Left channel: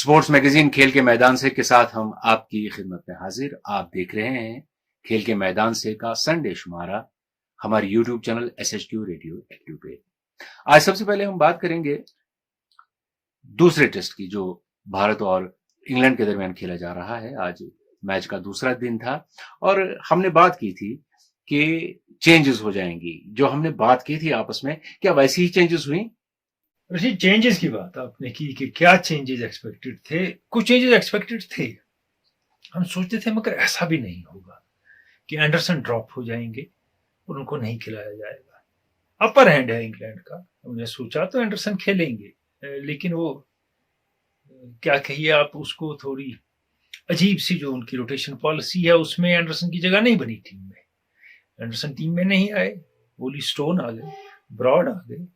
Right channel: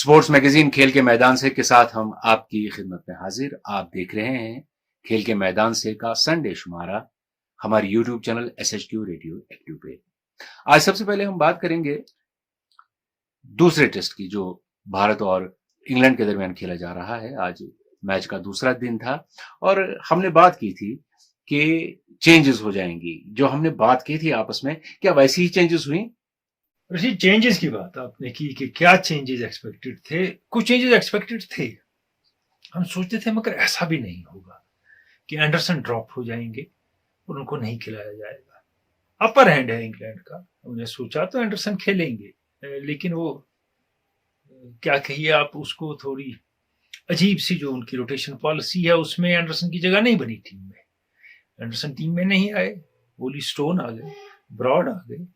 Sports magazine खेल के मैदान से के साथ हम आपकी खिदमत में हाजिर। आप देख रहे हैं खेल के मैदान से का संडे शुमारा हमारे YouTube channel SHQ radio active पे। आज सबसे पहले हम बात करेंगे दूसरे टेस्ट की जो भारत और इंग्लैंड के दरमियान खेला जा रहा है। आज मैच का दूसरा दिन था और हमने बात की थी कि चेंजेस हो जाएंगी। जो हमने बात की थी आपस में, क्या वैसी ही चेंजेस हुई? ऋषि, चेंजेस की बात आपने की कि क्या चेंजेस एक्सपेक्टेड थे। कुछ चेंजेस एक्सपेक्टेड थे, हम सोचते थे, मगर ऐसा भी नहीं होगा कि एंडरसन ड्रॉप हो जाएंगे और उनको नहीं खिलाया जाएगा। अपर हैंड है इंग्लैंड का, हमने सोचा तो एंडरसन खेलेंगे, लेकिन वो क्या कहिए आप उसको, थोड़ी अजीब सी जो उनकी रोटेशन पॉलिसी है उसमें एंडरसन की जगह नहीं बनी टीम में। एंडरसन टीम में नहीं आए, ओली स्टोन आ गए, ब्रॉड आ गए,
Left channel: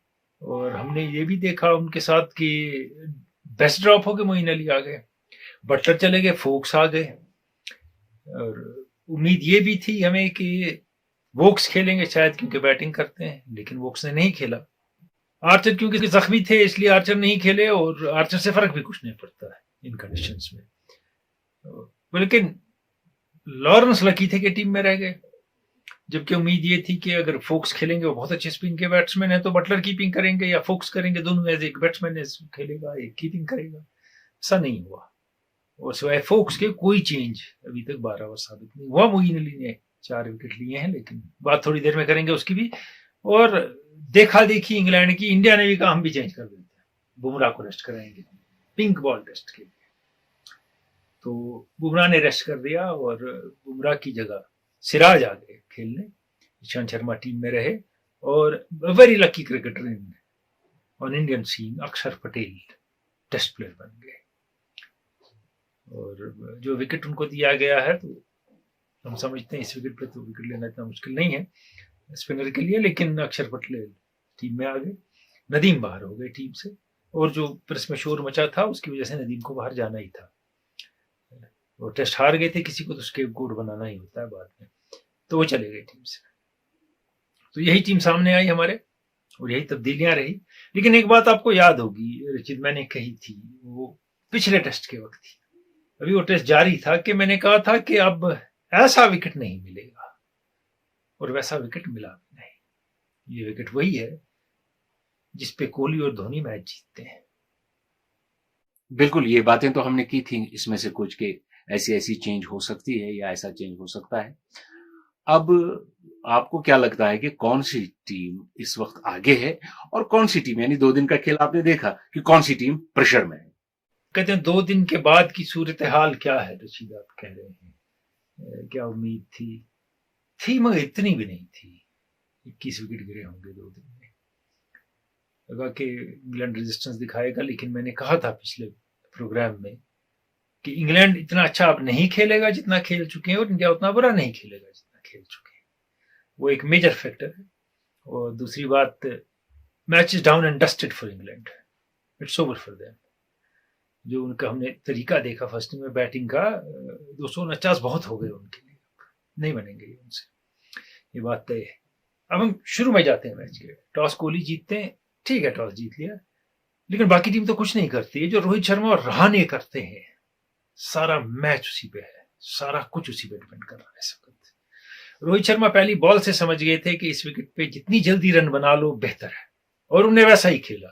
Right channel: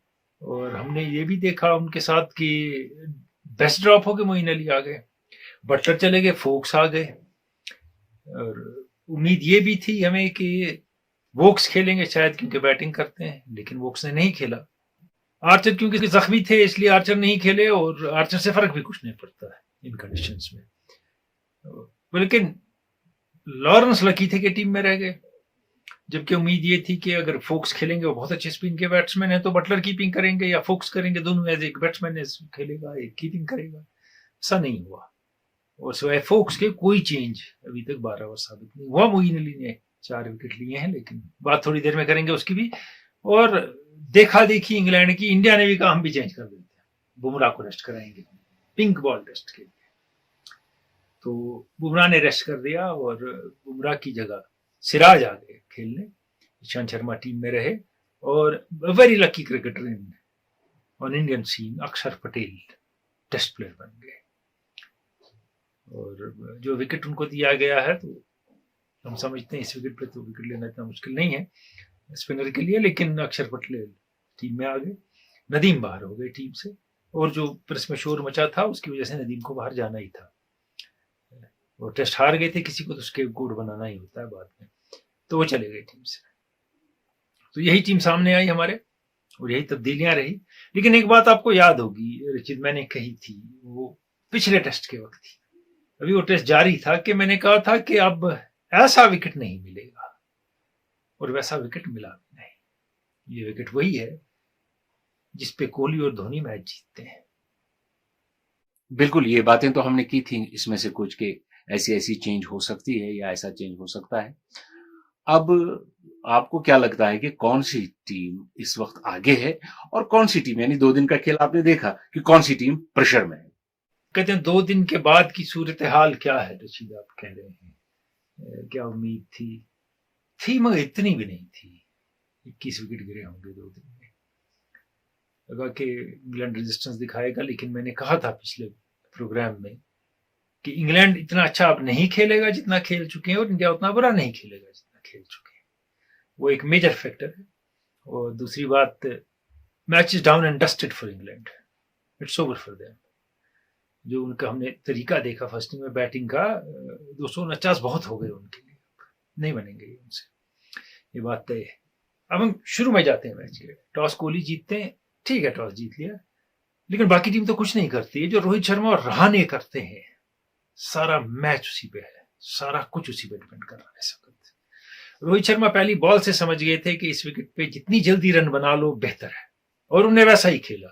और हमने ये भी देखा उनके साथ कि बेस्ट ड्रॉप हो गए, मोइन अली आ गए, बटलर चले गए, फोक्स आ गए। और उम्मीद ये भी थी हमें कि वोक्स खेलेंगे शायद, क्योंकि बैटिंग करते हैं, लेकिन वोक्स ने नहीं खेला। आर्चर क्योंकि जख्मी थे इसलिए आर्चर नहीं खेले, और आर्चर से फर्क भी कुछ नहीं पड़ता है इन कंडीशंस में। लेकिन लॉरेंस लकी थे कि टीम में रह गए, जबकि उम्मीद ये थी कि अगर फोक्स खेलेंगे, वो बहुत अच्छे स्पिन के बैट्समैन है, तो बटलर कीपिंग करेंगे या फोक्स करेंगे, दोनों एज एक बैट्समैन खेलेगा, एक कीपिंग करेगा। ऐसा नहीं हुआ, और सिवाय फोक्स के कोई चेंज अभी तक 12 ओवर साबित नहीं हुआ। मोइन अली ने 4 विकेट लिए हैं, लेकिन बात थोड़ी देर में करेंगे उसकी भी। और देखा देखी इंग्लैंड की, इंडिया ने भी कहा हम भी चेंज कर देते हैं, बुमराह को रेस्ट कराएंगे पिंक बॉल टेस्ट के लिए। तो बुमराह ने रेस्ट कर दिया और बुमराह की जगह सिराज आ गए खेलने। ईशांत शर्मा टीम में रहे, और very lucky cricketer in on Indian scene Akshar Patel test player बन गए। और जो विकेट उनको दिया गया है, तो हम समझते हैं इस विकेट पे तो विकेट लेना इतना मुश्किल नहीं है स्पिनर के लिए, लेकिन अक्षर पटेल टीम में आ गए। नदीम बाहर हो गए टीम से, और जो प्रेस में शोर मचा था उसकी वजह से नदीम को बाहर जाना ही था। वो टेस्ट हार गए थे, किसी को तो उसके गुड बनाना ही होता है बाद में, तो वो चले गए टीम से। तो यही टीम सामने आई हमारे, और यही तब्दीलियां रही। लेकिन एक बात आपको याद होगी रचित, मैंने कही थी, वो पिछले टेस्ट के वक्त थी, अभी वो टेस्ट जारी था, कि मैंने कहा था कि अब ऐसा विकेट नहीं मिलेगा, और वैसा विकेट मिला भी नहीं। ये विकेट वही है जिसपे कोहली और धोनी मैच जीतते हैं। बिल्कुल, ये बातें तो हमने की थी, इसमें से कुछ के ऐसी ऐसी चेंज हो सकती है या ऐसा चेंज हो सकता है। अब आपको क्या लगता है कि कौन सी टीम इस वक्त आगे है और कौन सी टीम, यानी 2 दिन का खेल आपने देखा कि कौन सी टीम प्रेशर में है? कहते हैं 2 दिन के बाद की सूरत हाल क्या है रशीद, आप कह रहे हैं क्या उम्मीद थी मगर इतनी भी नहीं थी। 21 विकेट गिरे होंगे 2 दिन में, लगा कि इंग्लैंड रेजिस्टेंस दिखाएगा, लेकिन मैंने कहा था पिछले प्रोग्राम में कि इंग्लैंड इतना अच्छा अब नहीं खेलेगा जितना खेल चुके हैं, और इंडिया उतना बुरा नहीं खेलेगा जितना खेल चुके हैं। वो एक मेजर फैक्टर है। और दूसरी बात, match is down and dusted for England, it's over for them. जो उनका हमने तरीका देखा फर्स्ट इनिंग में बैटिंग का, 249 बहुत हो गए उनके लिए, नहीं बनेंगे उनसे, ये बात तय है। अब हम शुरू में जाते हैं मैच के। टॉस कोहली जीतते हैं, ठीक है, टॉस जीत लिया, लेकिन बाकी टीम तो कुछ नहीं करती है। जो रोहित शर्मा और रहाणे करते हैं, सारा मैच उसी पे है, सारा कुछ उसी पे डिपेंड कर रहा है इस वक्त। रोहित शर्मा पहली बॉल से समझ गए थे कि इस विकेट पे जितनी जल्दी रन बना लो बेहतर है, और उन्हें वैसा ही खेला।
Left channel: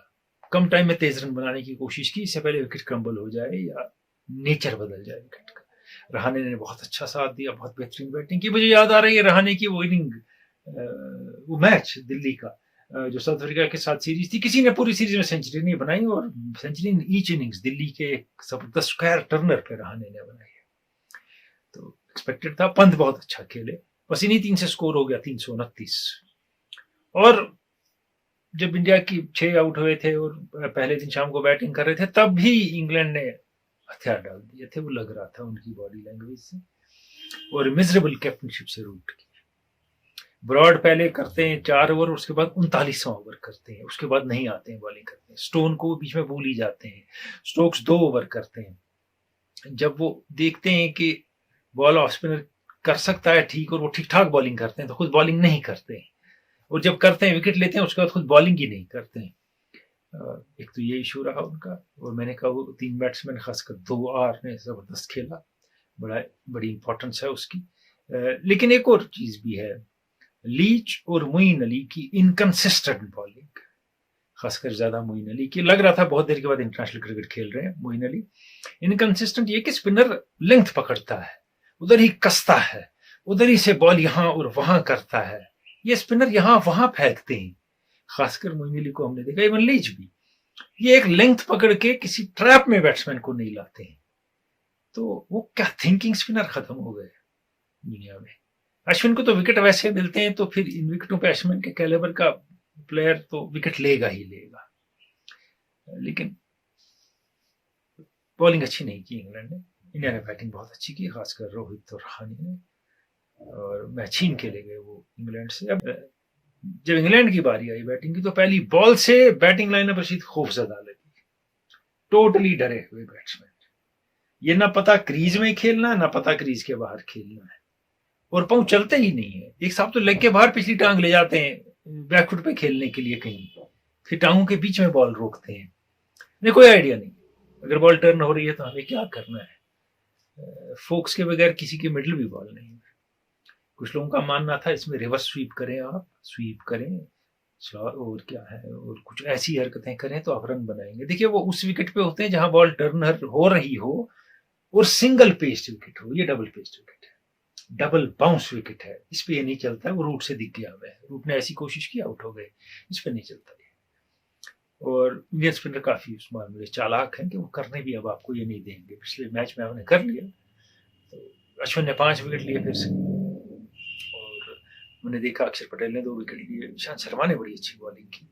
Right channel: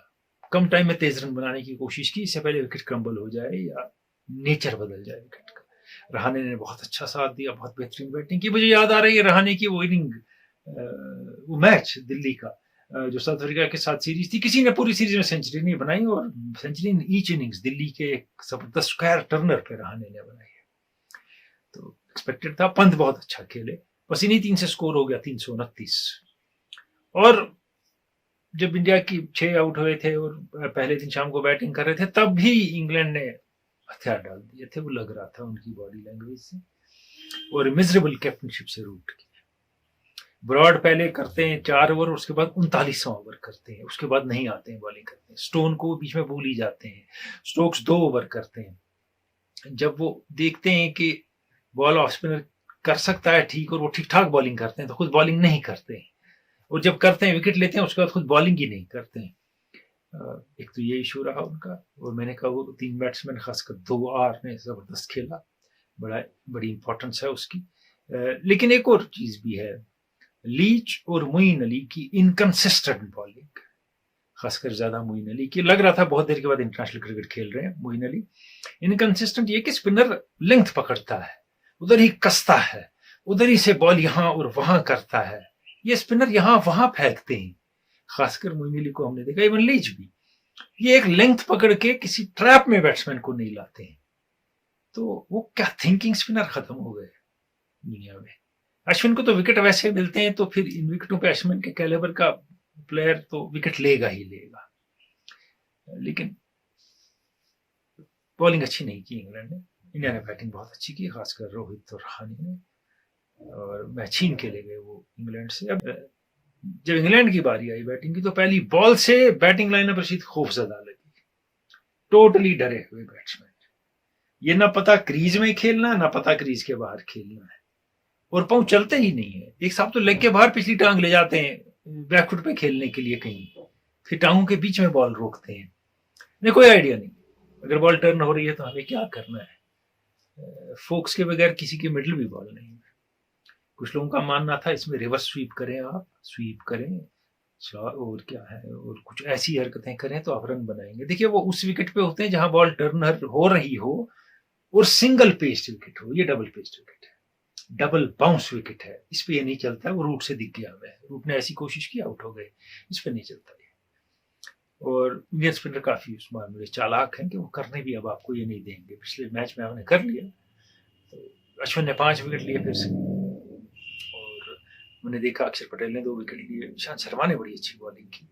कम टाइम में तेज रन बनाने की कोशिश की, इससे पहले विकेट क्रम्बल हो जाए या नेचर बदल जाए विकेट का। रहाणे ने बहुत अच्छा साथ दिया, बहुत बेहतरीन बैटिंग की। मुझे याद आ रही है रहाणे की वो इनिंग, वो मैच दिल्ली का जो साउथ अफ्रीका के साथ सीरीज थी, किसी ने पूरी सीरीज में सेंचुरी नहीं बनाई, और century in each innings Delhi के जबरदस्त स्क्वायर टर्नर पे रहाणे ने बनाई है। तो एक्सपेक्टेड था। पंत बहुत अच्छा खेले, बस इन्हीं 3 से स्कोर हो गया 329। और जब इंडिया की 6 आउट हुए थे और पहले दिन शाम को बैटिंग कर रहे थे, तब भी इंग्लैंड ने हथियार डाल दिए थे, वो लग रहा था उनकी बॉडी लैंग्वेज से, और मिजरेबल कैप्टनशिप से रूट की। ब्रॉड पहले करते हैं 4 ओवर, उसके बाद 39वां ओवर करते हैं, उसके बाद नहीं आते हैं बॉलिंग करते हैं। स्टोन को बीच में भूल ही जाते हैं। स्टोक्स 2 ओवर करते हैं। जब वो देखते हैं कि बॉल ऑफ स्पिनर कर सकता है ठीक, और वो ठीक ठाक बॉलिंग करते हैं, तो खुद बॉलिंग नहीं करते हैं, और जब करते हैं विकेट लेते हैं, उसके बाद खुद बॉलिंग ही नहीं करते हैं। एक तो ये इशू रहा उनका, और मैंने कहा वो 3 बैट्समैन खासकर 2 आर ने ज़बरदस्त खेला, बड़ी इंपॉर्टेंस है उसकी। लेकिन एक और चीज़ भी है, लीच और मोइन अली की इनकंसिस्टेंट बॉलिंग, खासकर ज़्यादा मोइन अली की। लग रहा था बहुत देर के बाद इंटरनेशनल क्रिकेट खेल रहे हैं मोइन अली। इनकंसिस्टेंट ये कि स्पिनर लेंथ पकड़ता है, उधर ही कसता है, उधर ही से बॉल यहाँ और वहां करता है, ये स्पिनर यहाँ वहां फेंकते हैं। खासकर मोइन अली को हमने देखा, इवन लीच भी, ये एक लेंथ पकड़ के किसी ट्रैप में बैट्समैन को नहीं लाते हैं। तो वो क्या थिंकिंग स्पिनर खत्म हो गए दुनिया में। अश्विन को तो विकेट वैसे मिलते हैं, तो फिर इन विकेटों पे अश्विन के कैलिबर का प्लेयर तो विकेट लेगा ही लेगा। लेकिन बॉलिंग अच्छी नहीं की इंग्लैंड ने, इंडिया ने बैटिंग बहुत अच्छी की, खासकर रोहित और रहाणे ने, और मैच छीन के ले गए वो इंग्लैंड से। अब जब इंग्लैंड की बारी आई बैटिंग की, तो पहली बॉल से बैटिंग लाइनअप रशीद खौफजदा लगी, टोटली डरे हुए बैट्समैन, ये ना पता क्रीज में खेलना, ना पता क्रीज के बाहर खेलना है, और पांव चलते ही नहीं है। एक साहब तो लेग के बाहर पिछली टांग ले जाते हैं बैकफुट पे खेलने के लिए कहीं, फिर टांगों के बीच में बॉल रोकते हैं। नहीं, कोई आइडिया नहीं, अगर बॉल टर्न हो रही है तो हमें क्या करना है। फोक्स के बगैर किसी की मिडल भी बॉल नहीं है। कुछ लोगों का मानना था इसमें रिवर्स स्वीप करें, आप स्वीप करें और क्या है, और कुछ ऐसी हरकतें करें तो आप रन बनाएंगे। देखिए वो उस विकेट पे होते हैं जहां बॉल टर्न हो रही हो और सिंगल पेस्ड विकेट हो, ये डबल पेस्ड विकेट है, डबल बाउंस विकेट है, इस पे ये नहीं चलता है। वो रूट से दिख गया है, रूट ने ऐसी कोशिश की, आउट हो गए, इस पे नहीं चलता है। और इंडियन स्पिनर काफी उस मामले चालाक हैं कि वो करने भी अब आपको ये नहीं देंगे। पिछले मैच में हमने कर लिया, तो अश्विन ने 5 विकेट लिए फिर से, और मैंने देखा अक्षर पटेल ने 2 विकेट लिए, ईशांत शर्मा ने बड़ी अच्छी बॉलिंग की।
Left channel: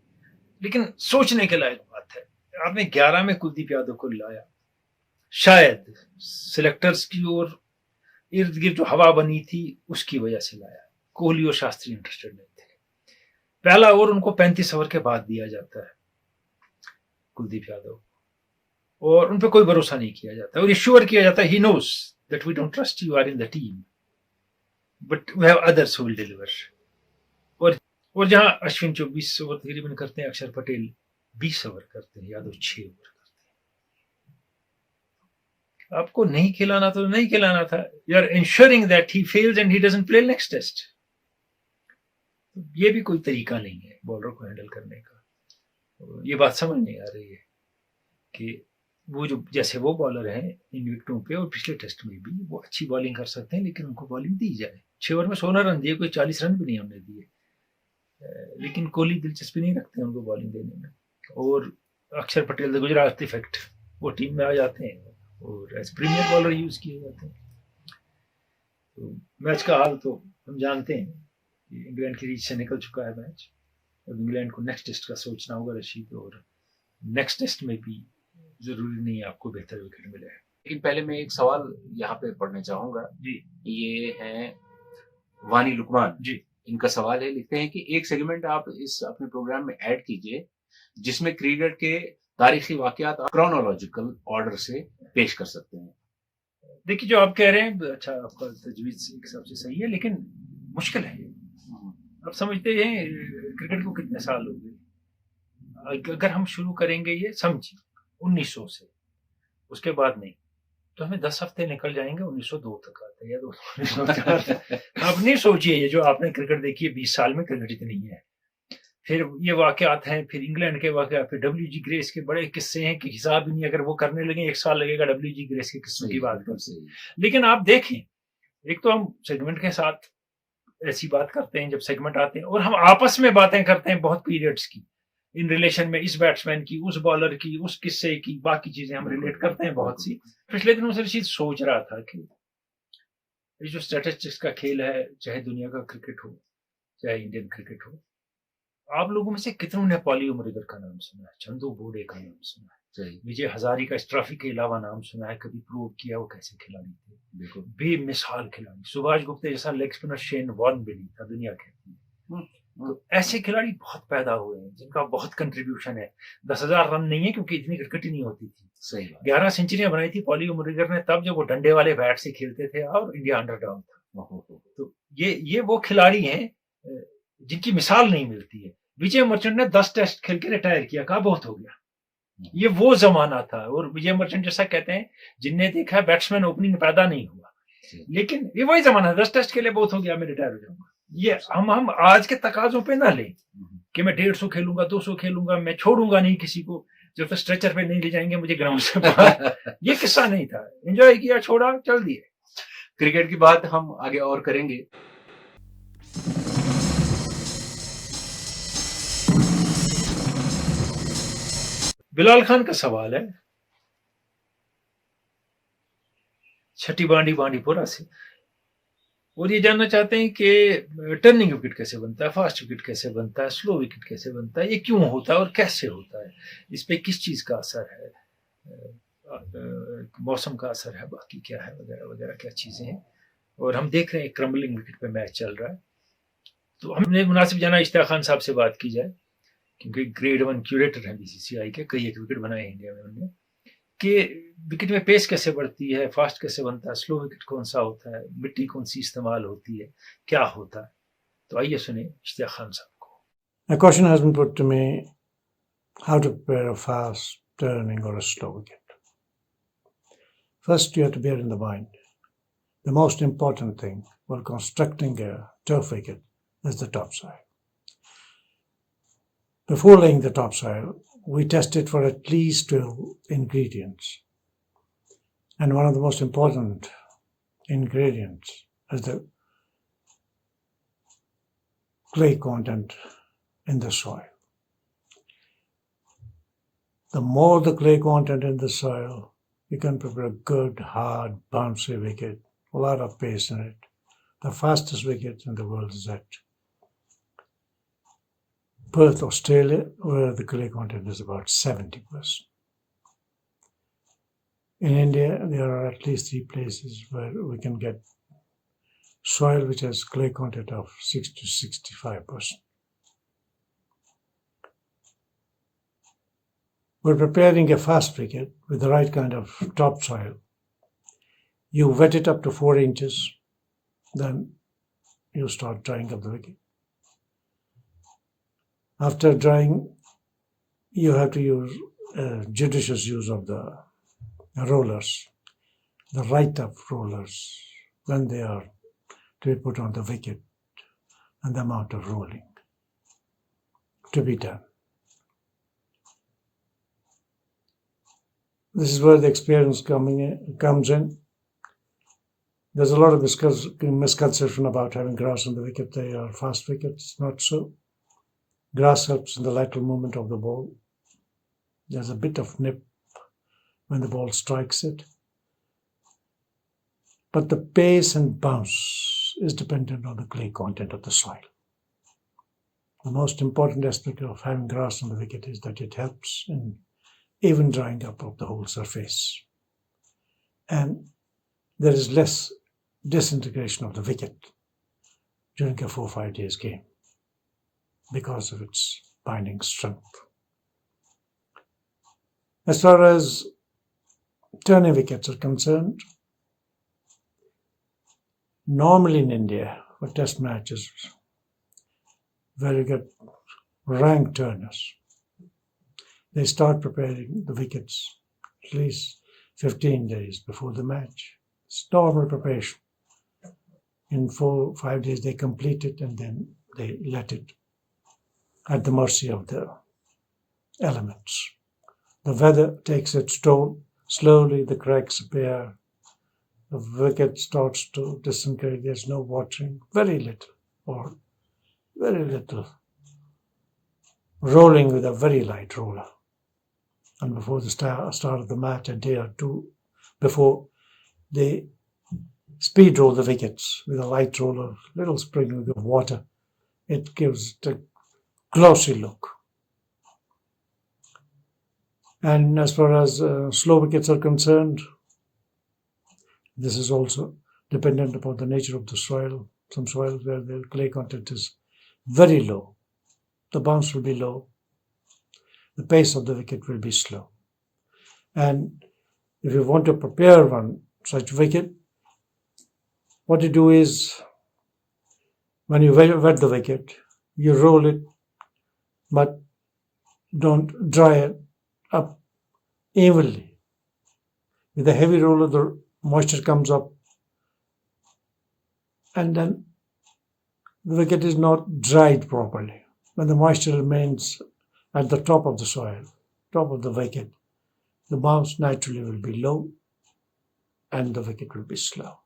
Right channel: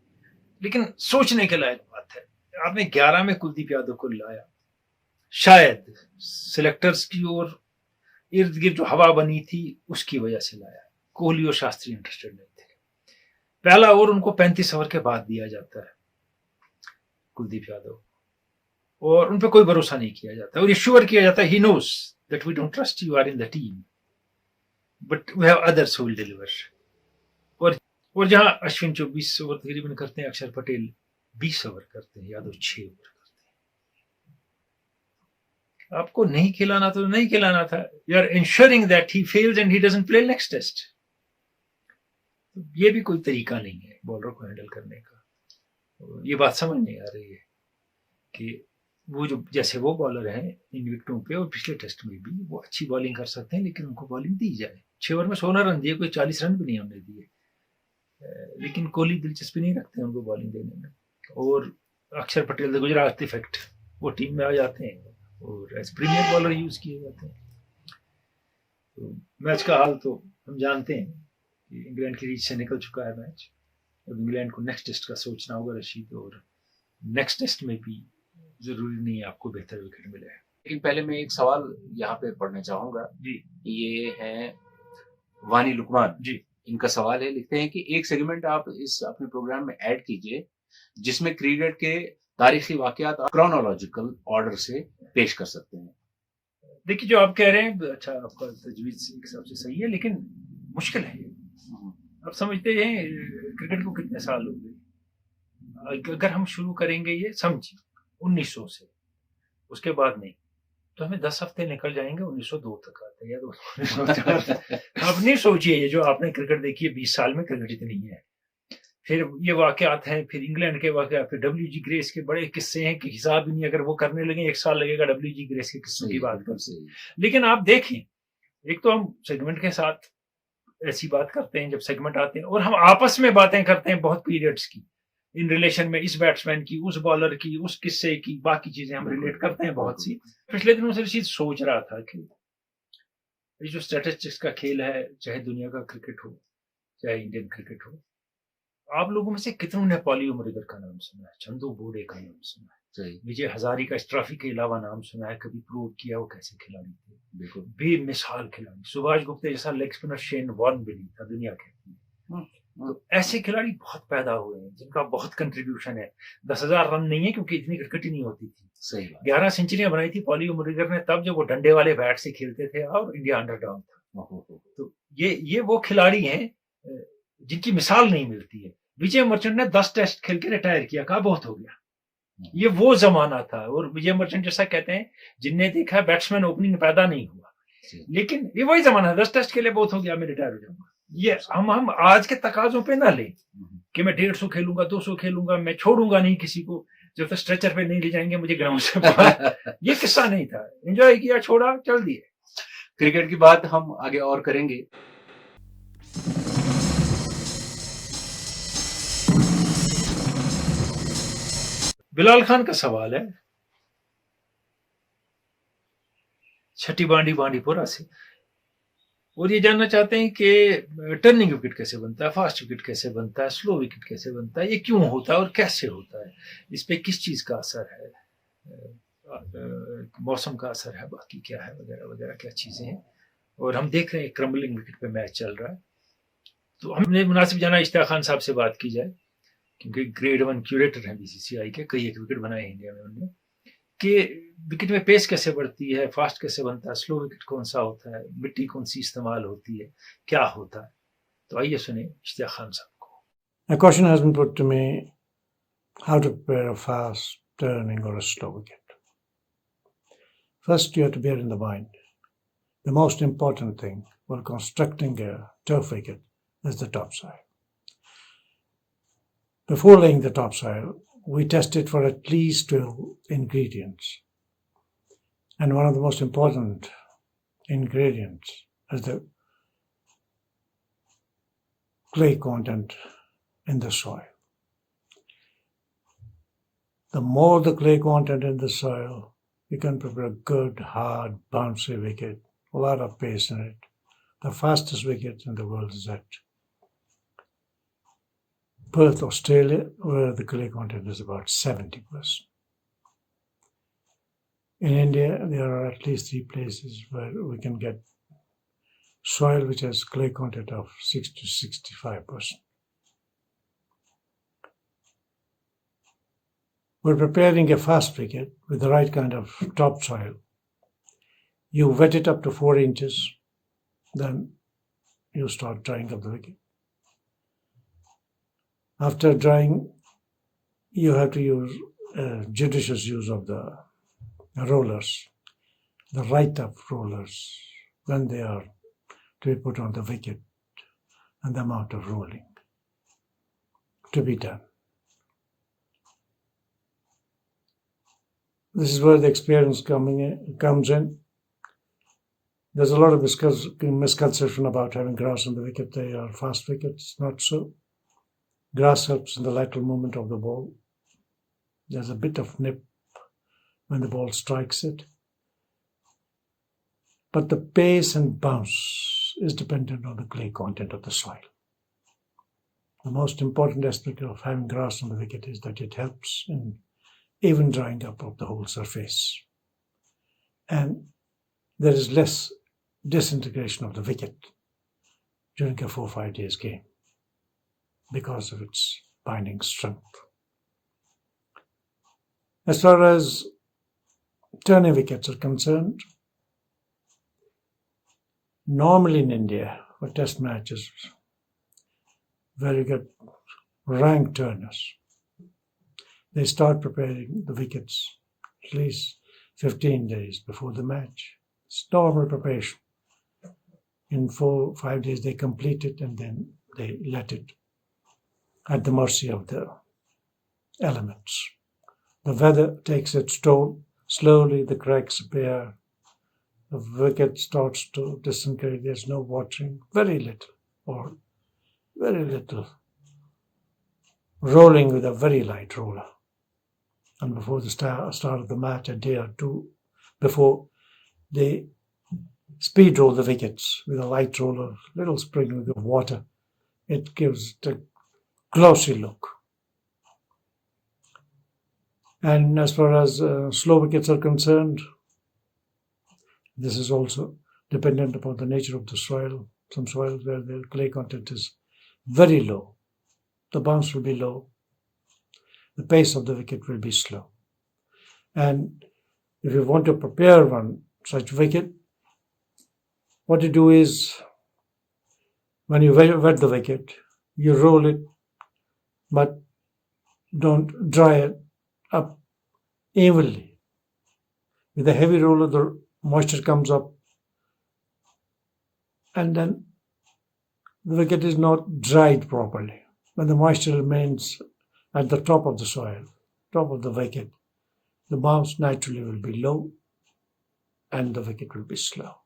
लेकिन सोचने के लायक बात है, आपने 11 में कुलदीप यादव को लाया, शायद सिलेक्टर्स की ओर इर्द गिर्द जो हवा बनी थी उसकी वजह से लाया। कोहली और शास्त्री इंटरेस्टेड नहीं थे। पहला ओवर उनको 35 ओवर के बाद दिया जाता है कुलदीप यादव, और उन पर कोई भरोसा नहीं किया जाता, और ये श्योर किया जाता है, he knows that we don't trust you are in the team but we have others who will deliver. और जहां अश्विन 24 ओवर तकरीबन करते हैं, अक्षर पटेल 20 ओवर करते हैं, यादव 6 ओवर करते हैं। आपको नहीं खिलाना तो नहीं खिलाना था, you are ensuring that he fails and he doesn't play next test. ये भी कोई तरीका नहीं है बॉलर को हैंडल करने का। ये बात समझ नहीं आ रही है कि वो जो जैसे वो बॉलर हैं इन विकेटों पे और पिछले टेस्ट में भी, वो अच्छी बॉलिंग कर सकते हैं, लेकिन उनको बॉलिंग दी जाए। 6 ओवर में 16 रन दिए, कोई 40 रन भी नहीं हमने दिए, लेकिन कोहली दिलचस्पी नहीं रखते हैं उनको बॉलिंग देने में। और अक्षर पटेल, द गुजरात इफेक्ट, वो टीम में आ जाते हैं और एज प्रीमियर बॉलर यूज किए जाते हैं। तो मैच का हाल तो हम जानते हैं कि इंग्लैंड की रीच से निकल चुका है मैच। अब इंग्लैंड को नेक्स्ट टेस्ट का सोचना होगा रशीद, और नेक्स्ट टेस्ट में भी जरूरी नहीं है आपको बेहतर विकेट मिले। लेकिन पहले मैं एक सवाल यहाँ पे पढ़ने चाहूंगा जी। ये है वानी लुकमान जी। इनका सवाल है, लिखते हैं कि एक सेगमेंट आप इस अपने प्रोग्राम में ऐड कीजिए जिसमें क्रिकेट के तारीखी वाकयात क्रोनोलॉजिकल ऑर्डर से पेश कर सकते हैं। देखिए जो आप कह रहे हैं, अच्छा आपका तजवीज़ एक हिसाब से सही है, लेकिन मुश्किल है। आप समझते हैं क्रिकेट को कितने साल हो गए? अगर हम शुरू करेंगे ये समझिए 1900 से, उसके बाद नहीं, तो हमें 10 हफ्ते निकल जाएंगे 1902 तक आते हैं या 1904। आप नहीं सोचिए, ये जो आपने क्रिकेट देखी है 20 साल में क्रिकेट इतनी है। फिर ये वाकयात हैं, फिर इंग्लैंड के वाकयात, फिर WG ग्रेस के बड़े किस्से हैं कि हिसाब ही नहीं, अगर वो करने लगे 1 साल लगेगा WG ग्रेस के किस्सों की बात करते हैं। लेकिन आप देखें, एक तो हम सेगमेंट के साथ ऐसी बात करते हैं जब सेगमेंट आते हैं, और हम आपस में बातें करते हैं बहुत पीरियड्स की, इन रिलेशन में इस बैट्समैन की, उस बॉलर की, उस किस्से की, बाकी चीजें हम रिलेट करते हैं बहुत सी। पिछले दिनों से चीज सोच रहा था कि ये जो स्टैटिस्टिक्स का खेल है, चाहे दुनिया का क्रिकेट हो चाहे इंडियन क्रिकेट हो, आप लोगों में से कितनों ने पॉली उमरिगर का नाम सुना है, चंदू बोडे का नाम सुना है, विजय हजारी का इस ट्रॉफी के अलावा नाम सुना है, कभी प्रूव किया वो कैसे खिलाड़ी थे, बिल्कुल बेमिसाल खिलाड़ी। सुभाष गुप्ता जैसा लेग स्पिनर शेन वॉर्न भी नहीं था, दुनिया कहती है। तो ऐसे खिलाड़ी बहुत पैदा हुए हैं जिनका बहुत कंट्रीब्यूशन है। 10,000 रन नहीं है क्योंकि इतनी क्रिकेट ही नहीं होती थी। सही 11 सेंचुरियां बनाई थी पॉली उमरिगर ने तब जब वो डंडे वाले बैट से खेलते थे और इंडिया अंडरडॉग था। तो ये वो खिलाड़ी हैं जिनकी मिसाल नहीं मिलती है। विजय मर्चेंट ने 10 टेस्ट खेल के रिटायर किया, कहा बहुत हो गया। ये वो जमाना था। और विजय मर्चेंट जैसा कहते हैं, जिनने देखा है बैट्समैन ओपनिंग पैदा नहीं हुआ, लेकिन ये वही जमाना, 10 टेस्ट खेले बहुत हो गया, मैं रिटायर हो जाऊंगा। ये हम आज के तकाजों पे ना लें कि मैं 150 खेलूंगा, 200 खेलूंगा, मैं छोड़ूंगा नहीं किसी को, जब तक स्ट्रेचर पे नहीं ले जाएंगे मुझे ग्राउंड से बाहर। ये किस्सा नहीं था। एंजॉय किया, छोड़ा, चल दिए। क्रिकेट की बात हम आगे और करेंगे। बिलाल खान का सवाल है, छठी बांडीपुरा से, और ये जानना चाहते हैं कि टर्निंग विकेट कैसे बनता है, फास्ट विकेट कैसे बनता है, स्लो विकेट कैसे बनता है, ये क्यों होता है और कैसे होता है, इस पे किस चीज का असर है, मौसम का असर है, बाकी क्या है, वगैरह वगैरह क्या चीजें हैं। और हम देख रहे हैं क्रम्बलिंग विकेट पे मैच चल रहा है, तो हमने मुनासिब जाना इश्तियाक खान साहब से बात की जाए, क्योंकि ग्रेड 1 क्यूरेटर हैं बीसीसीआई के, कई एक विकेट बनाए इंडिया में उन्होंने, कि विकेट में पेस कैसे बढ़ती है, फास्ट कैसे बनता है, स्लो विकेट कौन सा होता है, मिट्टी कौन सी इस्तेमाल होती है, क्या होता है। तो आइए सुने इश्तियाक खान साहब को। A question has been put to me, how to prepare a fast turning or a slow wicket. First, you have to bear in the mind, the most important thing while constructing a turf wicket is the topsoil. Before laying the topsoil, we test it for at least 12 ingredients. And one of the most important ingredients is the clay content in the soil. The more the clay content in the soil, you can prepare a good, hard, bouncy wicket, a lot of pace in it. The fastest wicket in the world is at Perth, Australia, where the clay content is about 70%. In India, there are at least 3 places where we can get soil which has clay content of 60 to 65%. We're preparing a fast wicket with the right kind of topsoil. You wet it up to 4 inches, then you start drying up the wicket. After drying, you have to use judicious use of the rollers, the right up rollers, when they are to be put on the wicket, and the amount of rolling to be done. This is where the experience comes in. There's a lot of misconception about having grass on the wicket. They are fast wickets. Not so. Grass helps in the lateral movement of the ball. There's a bit of nip when the ball strikes it. But the pace and bounce is dependent on the clay content of the soil. The most important aspect of having grass on the wicket is that it helps in even drying up of the whole surface. And there is less disintegration of the wicket during a 4 or 5 days game because of its binding strength. As far as turning wickets are concerned, normally in India for test matches, where you get rank turners, they start preparing the wickets at least 15 days before the match. It's normal preparation. In 4 or 5 days they complete it, and then they let it at the mercy of the elements. The weather takes its toll. Slowly the cracks appear. The wicket starts to disintegrate. There's no watering. Very little rolling with a very light roller. And before the start of the match, a day or two before, they speed roll the wickets with a light roller, little sprinkling of water. It gives the glossy look. And as far as slow wickets are concerned, this is also dependent upon the nature of the soil. Some soils where the clay content is very low, the bounce will be low, the pace of the wicket will be slow. And if you want to prepare one such wicket, what you do is, when you wet the wicket, you roll it but don't dry it up evenly. With a heavy roller, the moisture comes up, and then the wicket is not dried properly. When the moisture remains at the top of the soil, top of the wicket, the bounce naturally will be low and the wicket will be slow.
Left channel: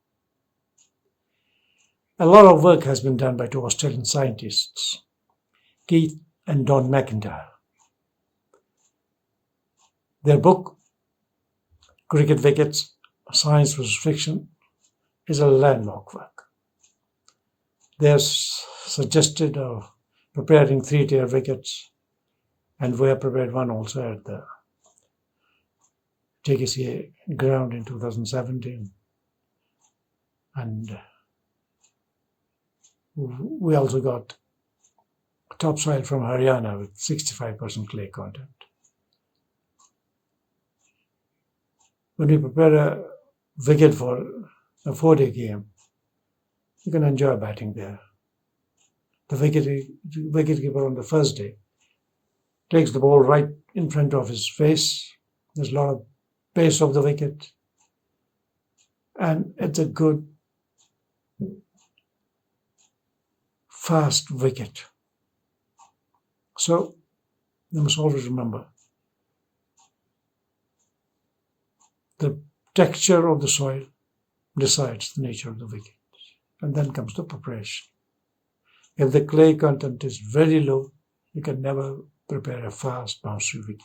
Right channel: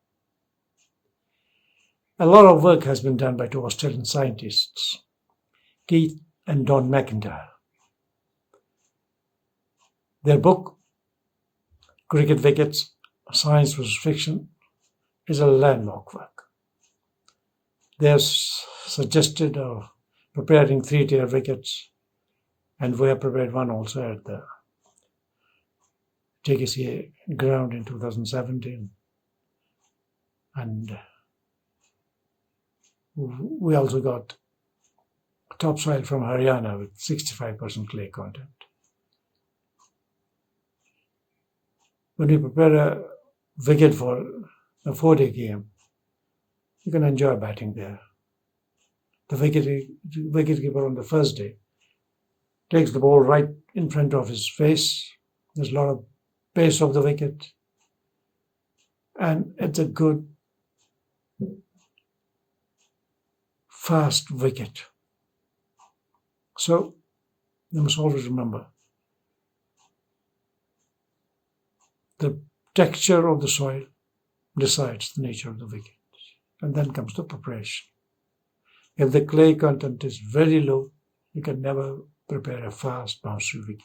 A lot of work has been done by two Australian scientists, Keith and Don McIntyre. Their book, Cricket Wickets, Science vs. Fiction, is a landmark work. They have suggested preparing 3-tier wickets, and we have prepared one also at the JKCA ground in 2017. And we also got topsoil from Haryana with 65% clay content. When we prepare a wicket for a 4-day game, you can enjoy batting there. The wicketkeeper on the first day takes the ball right in front of his face. There's a lot of pace of the wicket, and it's a good, fast wicket. So you must always remember the texture of the soil decides the nature of the wicket, and then comes the preparation. If the clay content is very low, you can never prepare a fast bouncy wicket.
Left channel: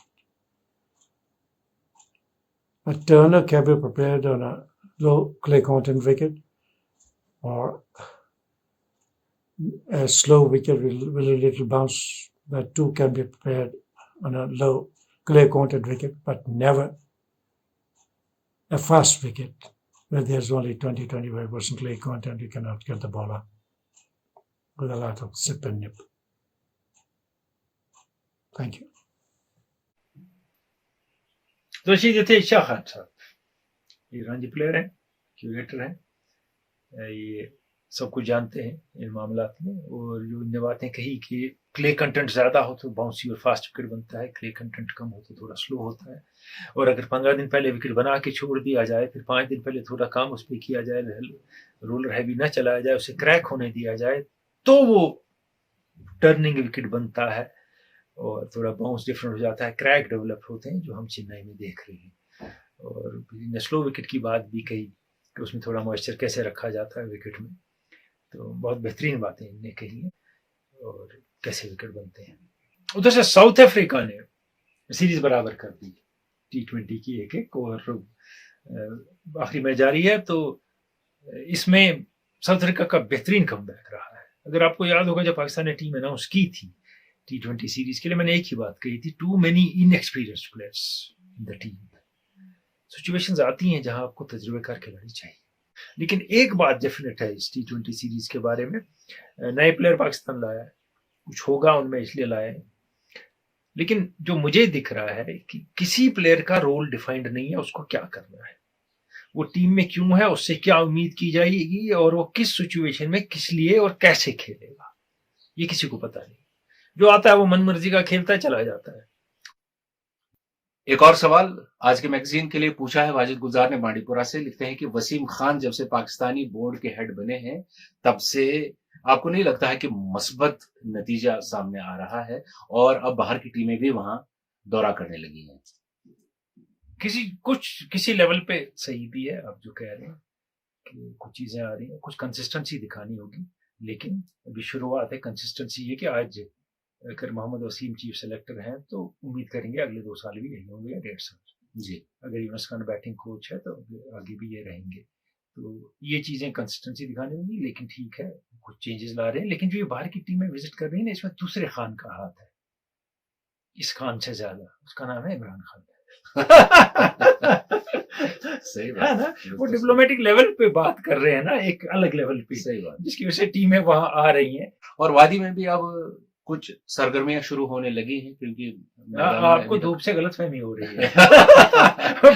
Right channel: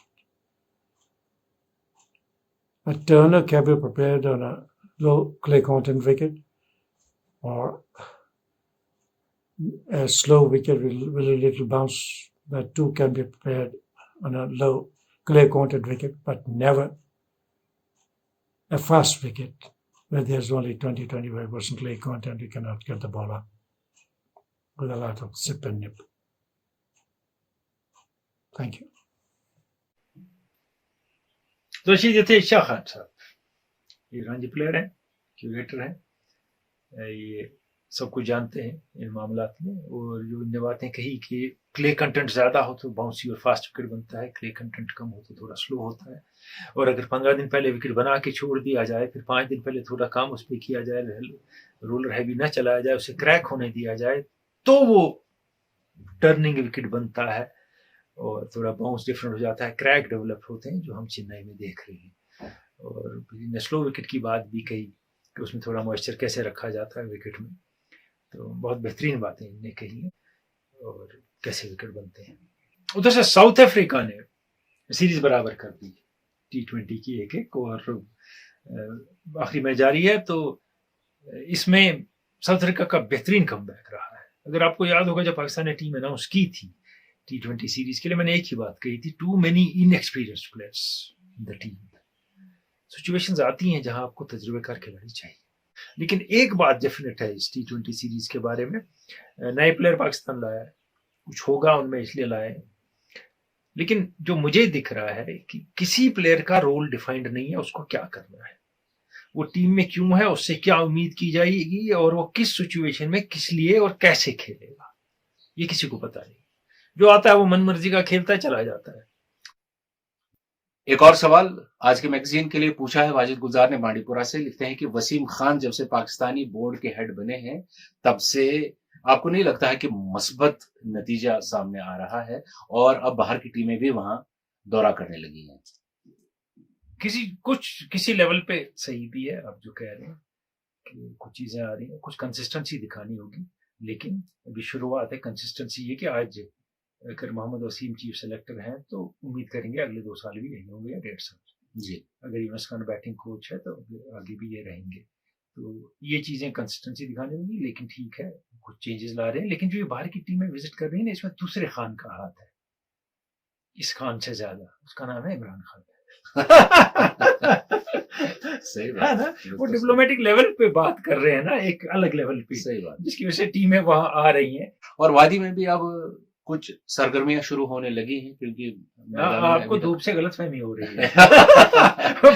A turner can be prepared on a low clay content wicket, or a slow wicket with a little bounce. That too can be prepared on a low clay content wicket, but never a fast wicket where there's only 20-25% clay content. You cannot get the ball up with a lot of zip and nip. Thank you. Rashid थे शाह खान साहब, ये Ranji player हैं, curator हैं, ये सब कुछ जानते हैं इन मामलात में। और जो इनने बातें कही कि क्ले कंटेंट ज़्यादा हो तो बाउंसी और फास्ट विकेट बनता है, क्ले कंटेंट कम हो तो थोड़ा स्लो होता है। और अगर 15 दिन पहले विकेट बना के छोड़ दिया जाए, फिर 5 दिन पहले थोड़ा काम उस पर किया जाए, रोलर हैवी ना चलाया जाए, उसे क्रैक होने दिया जाए, तो वो टर्निंग विकेट बनता है और थोड़ा बाउंस डिफरेंट हो जाता है, क्रैक डेवलप होते हैं, जो हम चेन्नई में देख रहे हैं। और स्लो विकेट की बात भी कही कि उसमें थोड़ा मॉइस्चर कैसे रखा जाता है विकेट में, तो बहुत बेहतरीन बातें इनने कही हैं और कैसे विकेट बनते हैं। उधर से साउथ अफ्रीका ने सीरीज बराबर कर दी T20 की 1-1 और आखिरी मैच जारी है। तो इसमें साउथ अफ्रीका का बेहतरीन कमबैक रहा है। अगर आपको याद होगा जब पाकिस्तान ने टीम अनाउंस की थी T20 सीरीज के लिए, मैंने एक ही बात कही थी, too many inexperienced players in the team. Situations आती हैं जहां आपको तजुर्बेकार खिलाड़ी चाहिए, लेकिन एक बात डेफिनेट है इस T20 सीरीज के बारे में, नए प्लेयर पाकिस्तान लाया है, कुछ होगा उनमें इसलिए लाए, लेकिन जो मुझे दिख रहा है कि किसी प्लेयर का रोल डिफाइंड नहीं है, उसको क्या करना है, वो टीम में क्यों है, उससे क्या उम्मीद की जाएगी और वो किस सिचुएशन में किस लिए और कैसे खेलेगा, ये किसी को पता नहीं। जो आता है वो मनमर्जी का खेलता है, चला जाता है। एक और सवाल आज के मैगजीन के लिए पूछा है वाजिद गुलजार ने बांडीपुरा से। लिखते हैं कि वसीम खान जब से पाकिस्तानी बोर्ड के हेड बने हैं तब से आपको नहीं लगता है कि मस्बत नतीजा सामने आ रहा है और अब बाहर की टीमें भी वहां दौरा करने लगी हैं? किसी लेवल पे सही भी है आप जो कह रहे हैं कि कुछ चीजें आ रही हैं, कुछ कंसिस्टेंसी दिखानी होगी, लेकिन अभी शुरुआत है। कंसिस्टेंसी ये कि आज अगर मोहम्मद वसीम चीफ सेलेक्टर हैं तो उम्मीद करेंगे अगले 2 साल भी यही होंगे या 1.5 साल जी। अगर यूनुस खान बैटिंग कोच है तो आगे भी ये रहेंगे। तो ये चीजें कंसिस्टेंसी दिखानी होगी, लेकिन ठीक है कुछ चेंजेस ला रहे हैं। लेकिन जो ये बाहर की टीमें विजिट कर रही है ना, इसमें दूसरे खान का हाथ है, इस खान से ज्यादा। उसका नाम है इमरान खान। सही बात है ना, वो डिप्लोमेटिक लेवल पे बात कर रहे हैं ना, एक अलग लेवल पे, सही बात, जिसकी वजह से टीमें वहां आ रही हैं। और वादी में भी अब कुछ सरगर्मियां शुरू होने लगी हैं, क्योंकि आपको धूप से गलतफहमी हो रही है।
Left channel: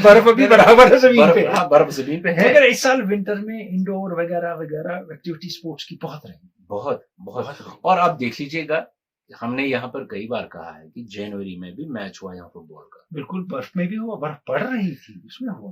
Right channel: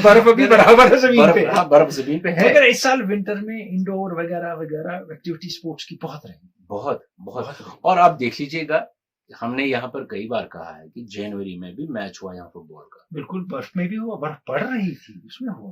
बर्फ भी बराबर है जमीन पे, बर्फ जमीन पे है। मगर इस साल विंटर में इंडोर वगैरह वगैरह एक्टिविटी स्पोर्ट्स की बहुत रहेंगी, बहुत। और आप देख लीजिएगा हमने यहाँ पर कई बार कहा है कि जनवरी में भी मैच हुआ यहाँ फुटबॉल का। बिल्कुल, बर्फ में भी हुआ, बर्फ पड़ रही थी, उसमें हुआ।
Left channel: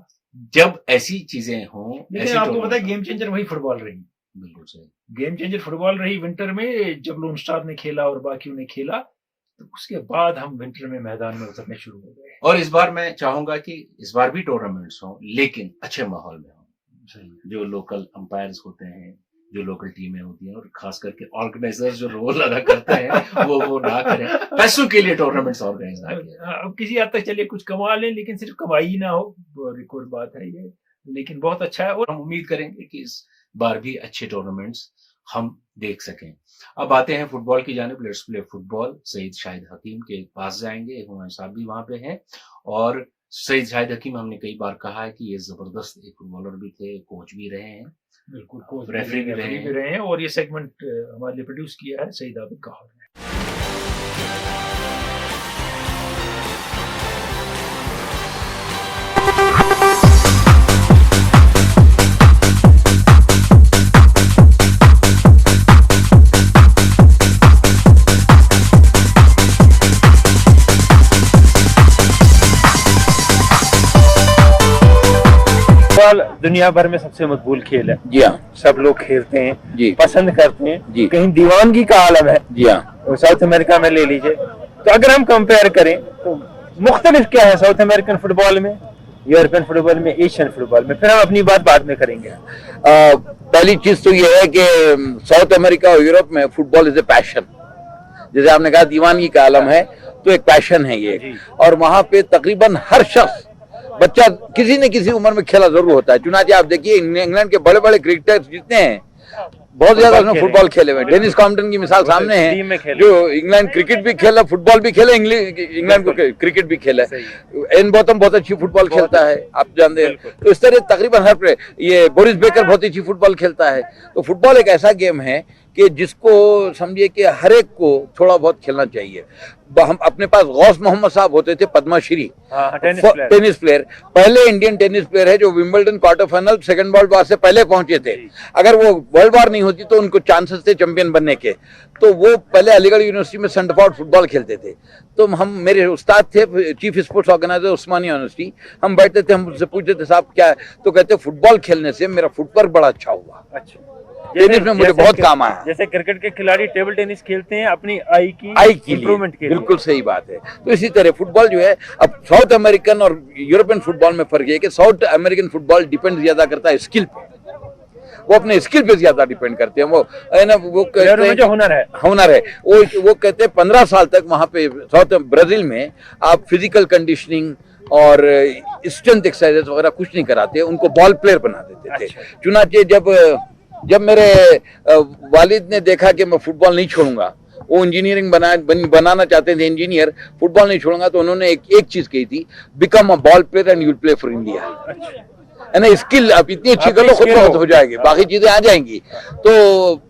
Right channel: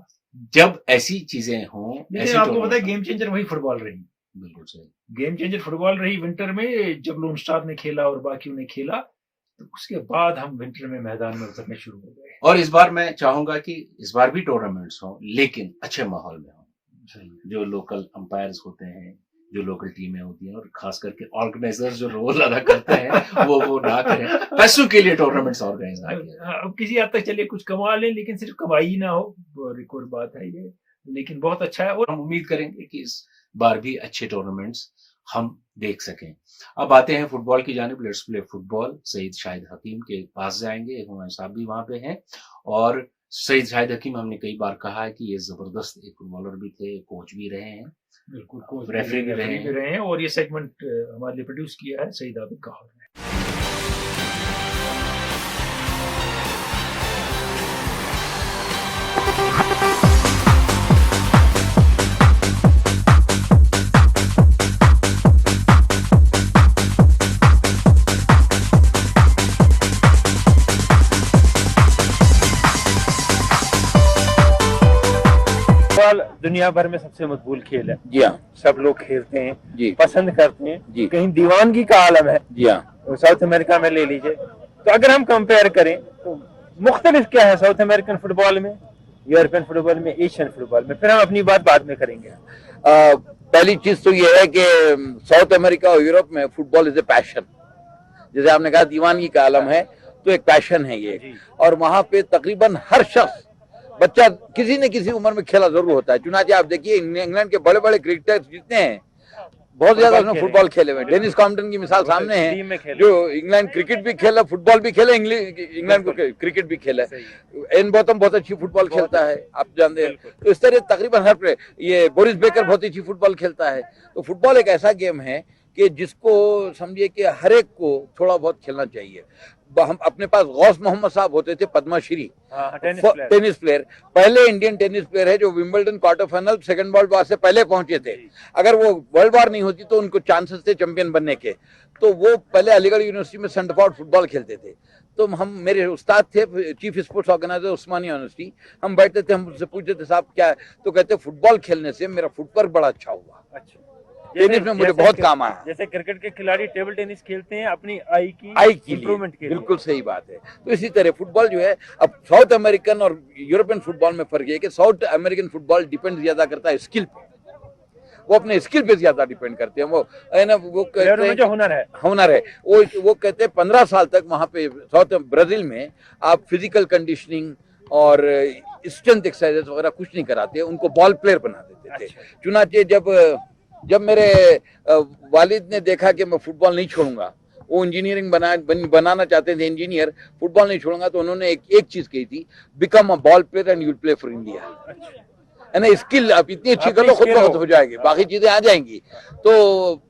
जब ऐसी चीजें हों, लेकिन आपको पता है गेम चेंजर वही फुटबॉल रही। बिल्कुल सही, गेम चेंजर फुटबॉल रही विंटर में, जब लोन स्टार ने खेला और बाकियों ने खेला, तो उसके बाद हम विंटर में मैदान में उतरने शुरू हो गए। और इस बार मैं चाहूंगा कि इस बार भी टूर्नामेंट्स हों, लेकिन अच्छे माहौल में हों। जो लोकल अंपायर्स होते हैं, जो लोकल टीमें होती हैं, और खास करके ऑर्गेनाइजर्स जो रोल अदा करते हैं वो ना करें। पैसों के लिए टूर्नामेंट्स ऑर्गेनाइज ना करें। अब किसी हद तक चलिए कुछ कमा लें, लेकिन सिर्फ कमाई ही ना हो, एक और बात है ये। लेकिन बहुत अच्छा है, और हम उम्मीद करेंगे कि इस बार भी अच्छे टूर्नामेंट्स हम देख सकें। अब आते हैं फुटबॉल की जानिब। Let's play football. Saeed Shahid Hakim के पास जाएंगे, हुमायूं साहब भी वहां पे हैं। और सईद शाहिद हकीम, हमने कई बार कहा है कि ये जबरदस्त एक फुटबॉलर भी थे, कोच भी रहे हैं, बिल्कुल कोच रेफरी भी रहे हैं। और ये सेगमेंट हमारे लिए प्रोड्यूस किया है सईद आबिद गौहर ने। दुनिया भर में सबसे मकबूल खेल है। जी हाँ, सब लोग खेलते हैं जी, पसंद करते हैं जी, कहीं दीवानगी का आलम है। जी हाँ, और साउथ अमेरिका में ले लीजिए, तो अगर हम कंपेयर करें तो मुख्तलिफ क्या है साउथ अमेरिकन फुटबॉल में, यूरोपियन फुटबॉल में, एशियन फुटबॉल में। फिर हम अपनी बात बाद में करेंगे। पहली चीज तो यह है कि साउथ अमेरिका और यूरोप में फुटबॉल इज ए पैशन। जैसे आपने कहा दीवानगी का आलम है, तो एक पैशन है ये। और वहां पे तकरीबन हर शख्स, बच्चा किसी न किसी उम्र में खेला जरूर होता है। चुनाचे आप देखिए इंग्लैंड के बड़े बड़े क्रिकेटर्स जितने हैं, बहुत ज्यादा उसने फुटबॉल खेले हुए। डेनिस कॉम्पटन की मिसाल सामने है, जो इंग्लैंड क्रिकेट भी खेला, फुटबॉल भी खेला, इंग्लैंड को क्रिकेट भी खेला है। एन बॉथम बहुत अच्छी फुटबॉल खेलता है, आप जानते हैं। तो इस तरह तकरीबन हर प्लेयर, ये बोरिस बेकर बहुत अच्छी फुटबॉल खेलता है। तो फुटबॉल एक ऐसा गेम है कि जिसको समझिए कि हर एक को थोड़ा बहुत खेलना चाहिए। हम अपने पास गौस मोहम्मद साहब होते थे, पद्मश्री टेनिस प्लेयर, पहले इंडियन टेनिस प्लेयर है जो Wimbledon quarter final second world war से पहले पहुंचे थे। अगर वो वर्ल्ड वार नहीं होती तो उनको चांसेस थे चैंपियन बनने के। तो वो पहले अलीगढ़ यूनिवर्सिटी में सेंटर फॉर फुटबॉल खेलते थे। तो हम, मेरे उस्ताद थे चीफ स्पोर्ट्स ऑर्गेनाइजर उस्मानिया यूनिवर्सिटी, हम बैठते थे, हम उनसे पूछते थे साहब क्या है, तो कहते फुटबॉल खेलने से मेरा फुटवर्क बड़ा अच्छा हुआ। अच्छा, टेनिस में मुझे बहुत काम आया। जैसे क्रिकेट के खिलाड़ी टेबल टेनिस खेलते हैं अपनी आई की इंप्रूवमेंट के लिए। बिल्कुल सही बात है। तो इसी तरह फुटबॉल जो है, अब साउथ अमेरिकन और यूरोपियन फुटबॉल में फर्क है कि साउथ अमेरिकन फुटबॉल डिपेंड ज्यादा करता है स्किल पे। वो अपने स्किल पे ज्यादा डिपेंड करते हैं। वो है ना, वो कहते हैं जो हुनर है वो कहते हैं 15 साल तक वहां पे साउथ ब्राजील में आप फिजिकल कंडीशनिंग और स्ट्रेंथ एक्सरसाइजेस वगैरह कुछ नहीं कराते, उनको बॉल प्लेयर बना देते थे। चुनाचे जब मेरे वालिद ने देखा कि मैं फुटबॉल नहीं छोड़ूंगा, वो इंजीनियरिंग बनाना चाहते थे, इंजीनियर, फुटबॉल नहीं छोड़ूंगा, तो उन्होंने एक चीज कही थी, become a ball player and you'll play for India. है ना, स्किल आप इतनी अच्छी कर लो, खुद हो जाएगी, बाकी चीजें आ जाएंगी। तो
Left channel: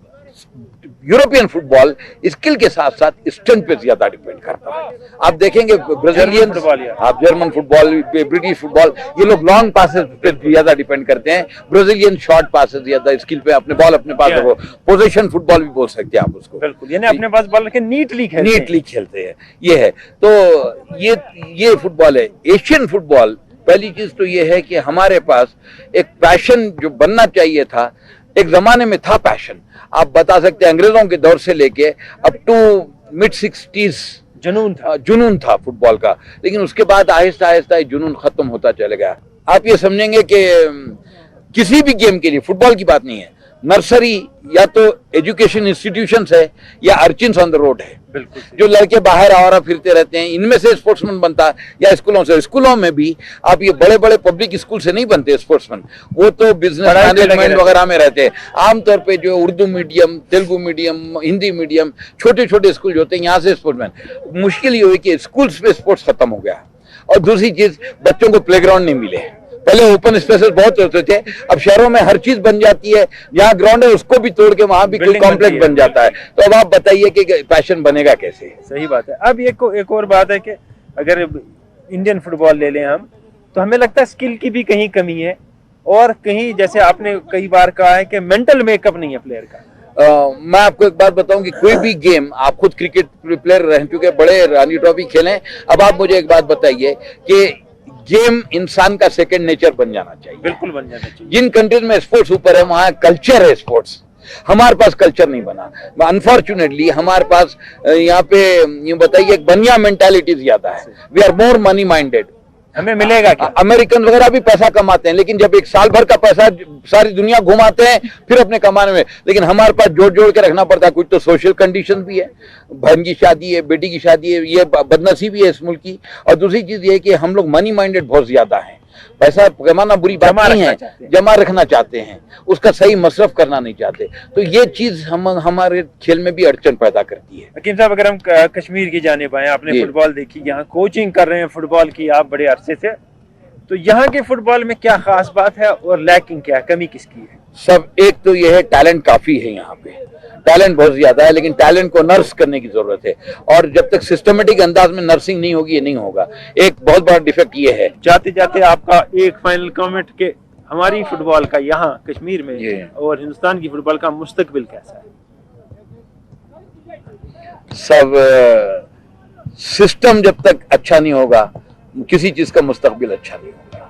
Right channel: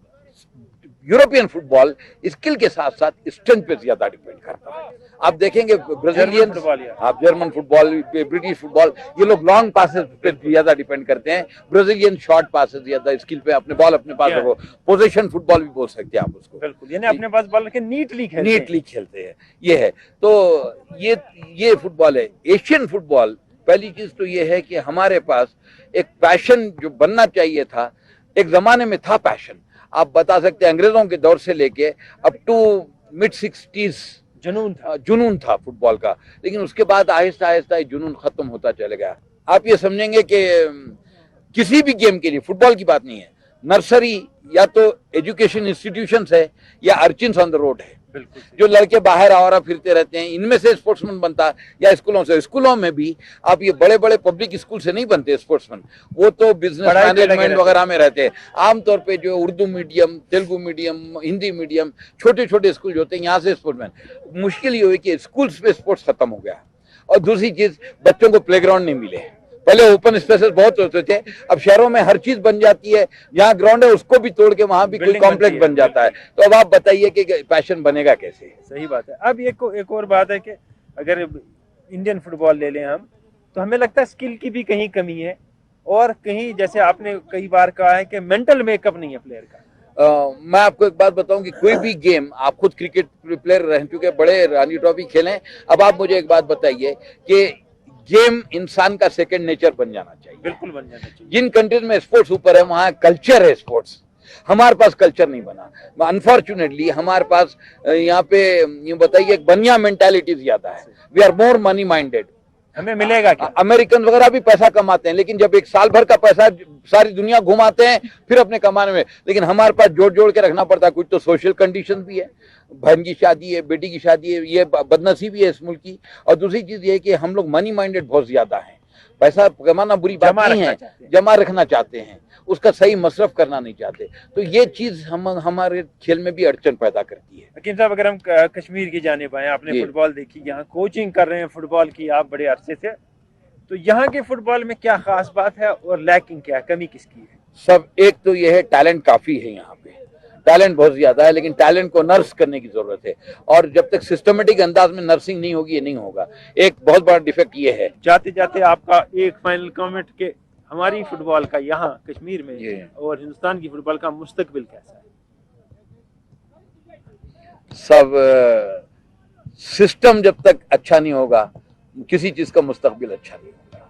यूरोपियन फुटबॉल स्किल के साथ साथ स्ट्रेंथ पे ज्यादा डिपेंड करता है। आप देखेंगे ब्राजीलियन, आप जर्मन फुटबॉल, ब्रिटिश फुटबॉल, ये लोग लॉन्ग पासेस पे ज्यादा डिपेंड करते हैं। ब्राजीलियन शॉर्ट पासेस ज्यादा स्किल पे, अपने बॉल अपने पास रखो, पोजीशन फुटबॉल भी बोल सकते हैं आप उसको। बिल्कुल, यानी अपने पास बॉल रखे नीटली खेलते हैं। ये है, तो ये फुटबॉल है। एशियन फुटबॉल, पहली चीज तो ये है कि हमारे पास एक पैशन जो बनना चाहिए था, एक जमाने में था पैशन। आप बता सकते हैं अंग्रेजों के दौर से लेके अप टू मिड 60s जुनून था फुटबॉल का। लेकिन उसके बाद आहिस्ता आहिस्ता जुनून खत्म होता चला गया। आप ये समझेंगे कि किसी भी गेम के लिए, फुटबॉल की बात नहीं है, नर्सरी या तो एजुकेशन इंस्टीट्यूशंस है या अर्चिन्स ऑन द रोड है। जो लड़के बाहर आवारा फिरते रहते हैं, इनमें से स्पोर्ट्समैन बनता है, या स्कूलों से। स्कूलों में भी आप ये बड़े बड़े पब्लिक स्कूल से नहीं बनते स्पोर्ट्समैन, वो तो बिजनेस मैनेजमेंट वगैरह में रहते हैं। आमतौर पे जो Urdu medium, Telugu medium, Hindi medium, छोटे छोटे स्कूल जो होते हैं, यहाँ से स्पोर्ट्समैन। मुश्किल ये हुई कि स्कूल्स में स्पोर्ट्स खत्म हो गया। और दूसरी चीज, बच्चों को प्लेग्राउंड नहीं मिले। पहले ओपन स्पेसेस बहुत होते थे, अब शहरों में हर चीज बन जाती है, जहाँ ग्राउंड है उसको भी तोड़ के वहां भी कोई कॉम्प्लेक्स बन जाता है। तो अब आप बताइए कि पैशन बनेगा कैसे? सही बात है। अब एक और बात है कि अगर इंडियन फुटबॉल ले लें हम, तो हमें लगता है स्किल की भी कहीं कमी है, और कहीं जैसे आपने कई बार कहा है कि मेंटल मेकअप नहीं है प्लेयर का। मैं आपको एक बात बताऊं कि कोई भी गेम, आप खुद क्रिकेट प्लेयर रह चुके, बड़े रणजी ट्रॉफी खेलें, अब आप मुझे एक बात बताइए कि गेम इंसान का सेकंड नेचर बन जाना चाहिए। बिल्कुल बन जाना चाहिए। जिन कंट्रीज में स्पोर्ट्स ऊपर है वहां कल्चर है स्पोर्ट्स, हमारे पास कल्चर नहीं बना। अनफॉर्चुनेटली हमारे पास यहाँ पे यूं बताइए एक बनिया मेंटालिटी ज्यादा है। We are more money minded. हमें मिलेगा क्या? अमेरिकन वगैरह भी पैसा कमाते हैं, लेकिन जब एक साल भर का पैसा सारी दुनिया घुमाते हैं फिर अपने कमाने में, लेकिन हमारे पास जोड़ जोड़ के रखना पड़ता है। कुछ तो सोशल कंडीशन भी है, बहन की शादी है, बेटी की शादी है, ये बदनसीबी है इस मुल्क की। और दूसरी चीज ये है कि हम लोग मनी माइंडेड बहुत ज्यादा हैं। पैसा कमाना बुरी बात नहीं है, जमा रखना चाहते हैं, उसका सही मसरफ करना नहीं चाहते। तो ये चीज हमारे खेल में भी अड़चन पैदा करती है। हकीम साहब, अगर हम कश्मीर की जानिब आए, आपने फुटबॉल देखी, यहाँ कोचिंग कर रहे हैं फुटबॉल की आप बड़े अरसे से, तो यहाँ के फुटबॉल में क्या खास बात है और लैकिंग क्या है, कमी किसकी है? सब एक तो ये है, टैलेंट काफी है यहाँ पे, टैलेंट बहुत ज्यादा है, लेकिन टैलेंट को नर्स करने की जरूरत है। और जब तक सिस्टमेटिक अंदाज में नर्सिंग नहीं होगी ये नहीं होगा। एक बहुत बड़ा डिफेक्ट ये है। जाते जाते आपका एक फाइनल कमेंट के हमारी फुटबॉल का यहाँ कश्मीर में और हिंदुस्तान की फुटबॉल का मुस्तकबिल कैसा है? सब सिस्टम जब तक अच्छा नहीं होगा किसी चीज का मुस्तकबिल अच्छा नहीं होगा।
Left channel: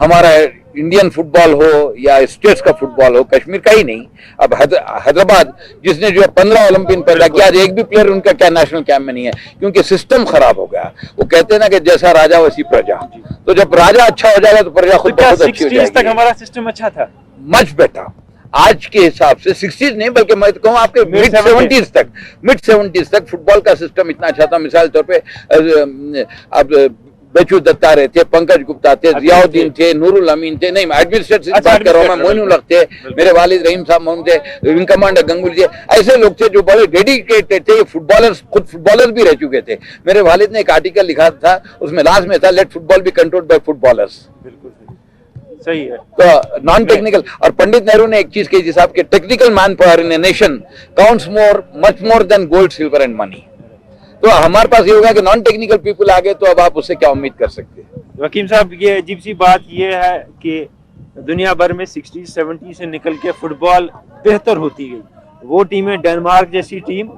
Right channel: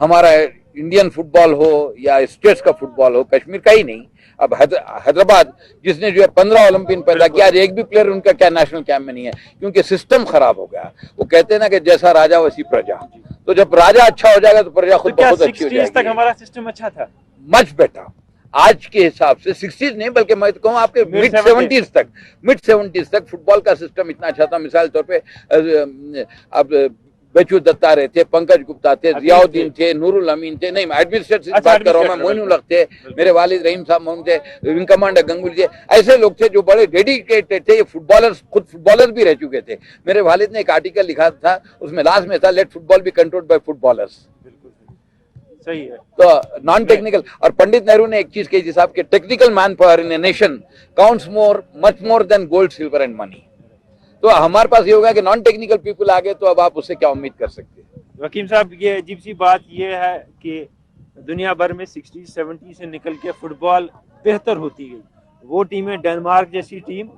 हमारा इंडियन फुटबॉल हो या स्टेट्स का फुटबॉल हो, कश्मीर का ही नहीं, अब हैदराबाद जिसने जो है 15 ओलंपियन पैदा किया, आज एक भी प्लेयर उनका क्या नेशनल कैंप में नहीं है, क्योंकि सिस्टम खराब हो गया। वो कहते हैं ना कि जैसा राजा वैसी प्रजा, तो जब राजा अच्छा हो जाएगा तो प्रजा खुद बहुत अच्छी हो जाएगी। तक हमारा सिस्टम अच्छा था, मच बेटर। आज के हिसाब से 60s नहीं, बल्कि मैं तो कहूँ आपके मिड 70s तक फुटबॉल का सिस्टम इतना अच्छा था। मिसाल तौर पे अब बेचू दत्ता रहे थे, पंकज गुप्ता थे, जियाउद्दीन थे, नूरुल अमीन थे, नहीं एडमिनिस्ट्रेटिव बात कर रहा हूँ मैं, मोइनुल हक थे, मेरे वालिद रहीम साहब मोहम्मद थे, विंग कमांडर गंगुली थे, ऐसे लोग थे जो बड़े डेडिकेटेड थे, फुटबॉलर्स, खुद फुटबॉलर्स भी रह चुके थे। मेरे वालिद ने एक आर्टिकल लिखा था, उसमें लास्ट में था, let football be controlled by footballers. बिल्कुल सही है। तो नॉन टेक्निकल, और पंडित नेहरू ने एक चीज कही जिस आपके technical man power in a nation counts much more than gold, silver and money. तो हमारे पास ये होगा कि नॉन टेक्निकल पीपल आ गए तो अब आप उससे क्या उम्मीद कर सकते हैं? वकीम साहब, ये अजीब सी बात ये है कि दुनिया भर में 60s 70s से निकल के फुटबॉल बेहतर होती गई। वो टीमें डेनमार्क जैसी टीम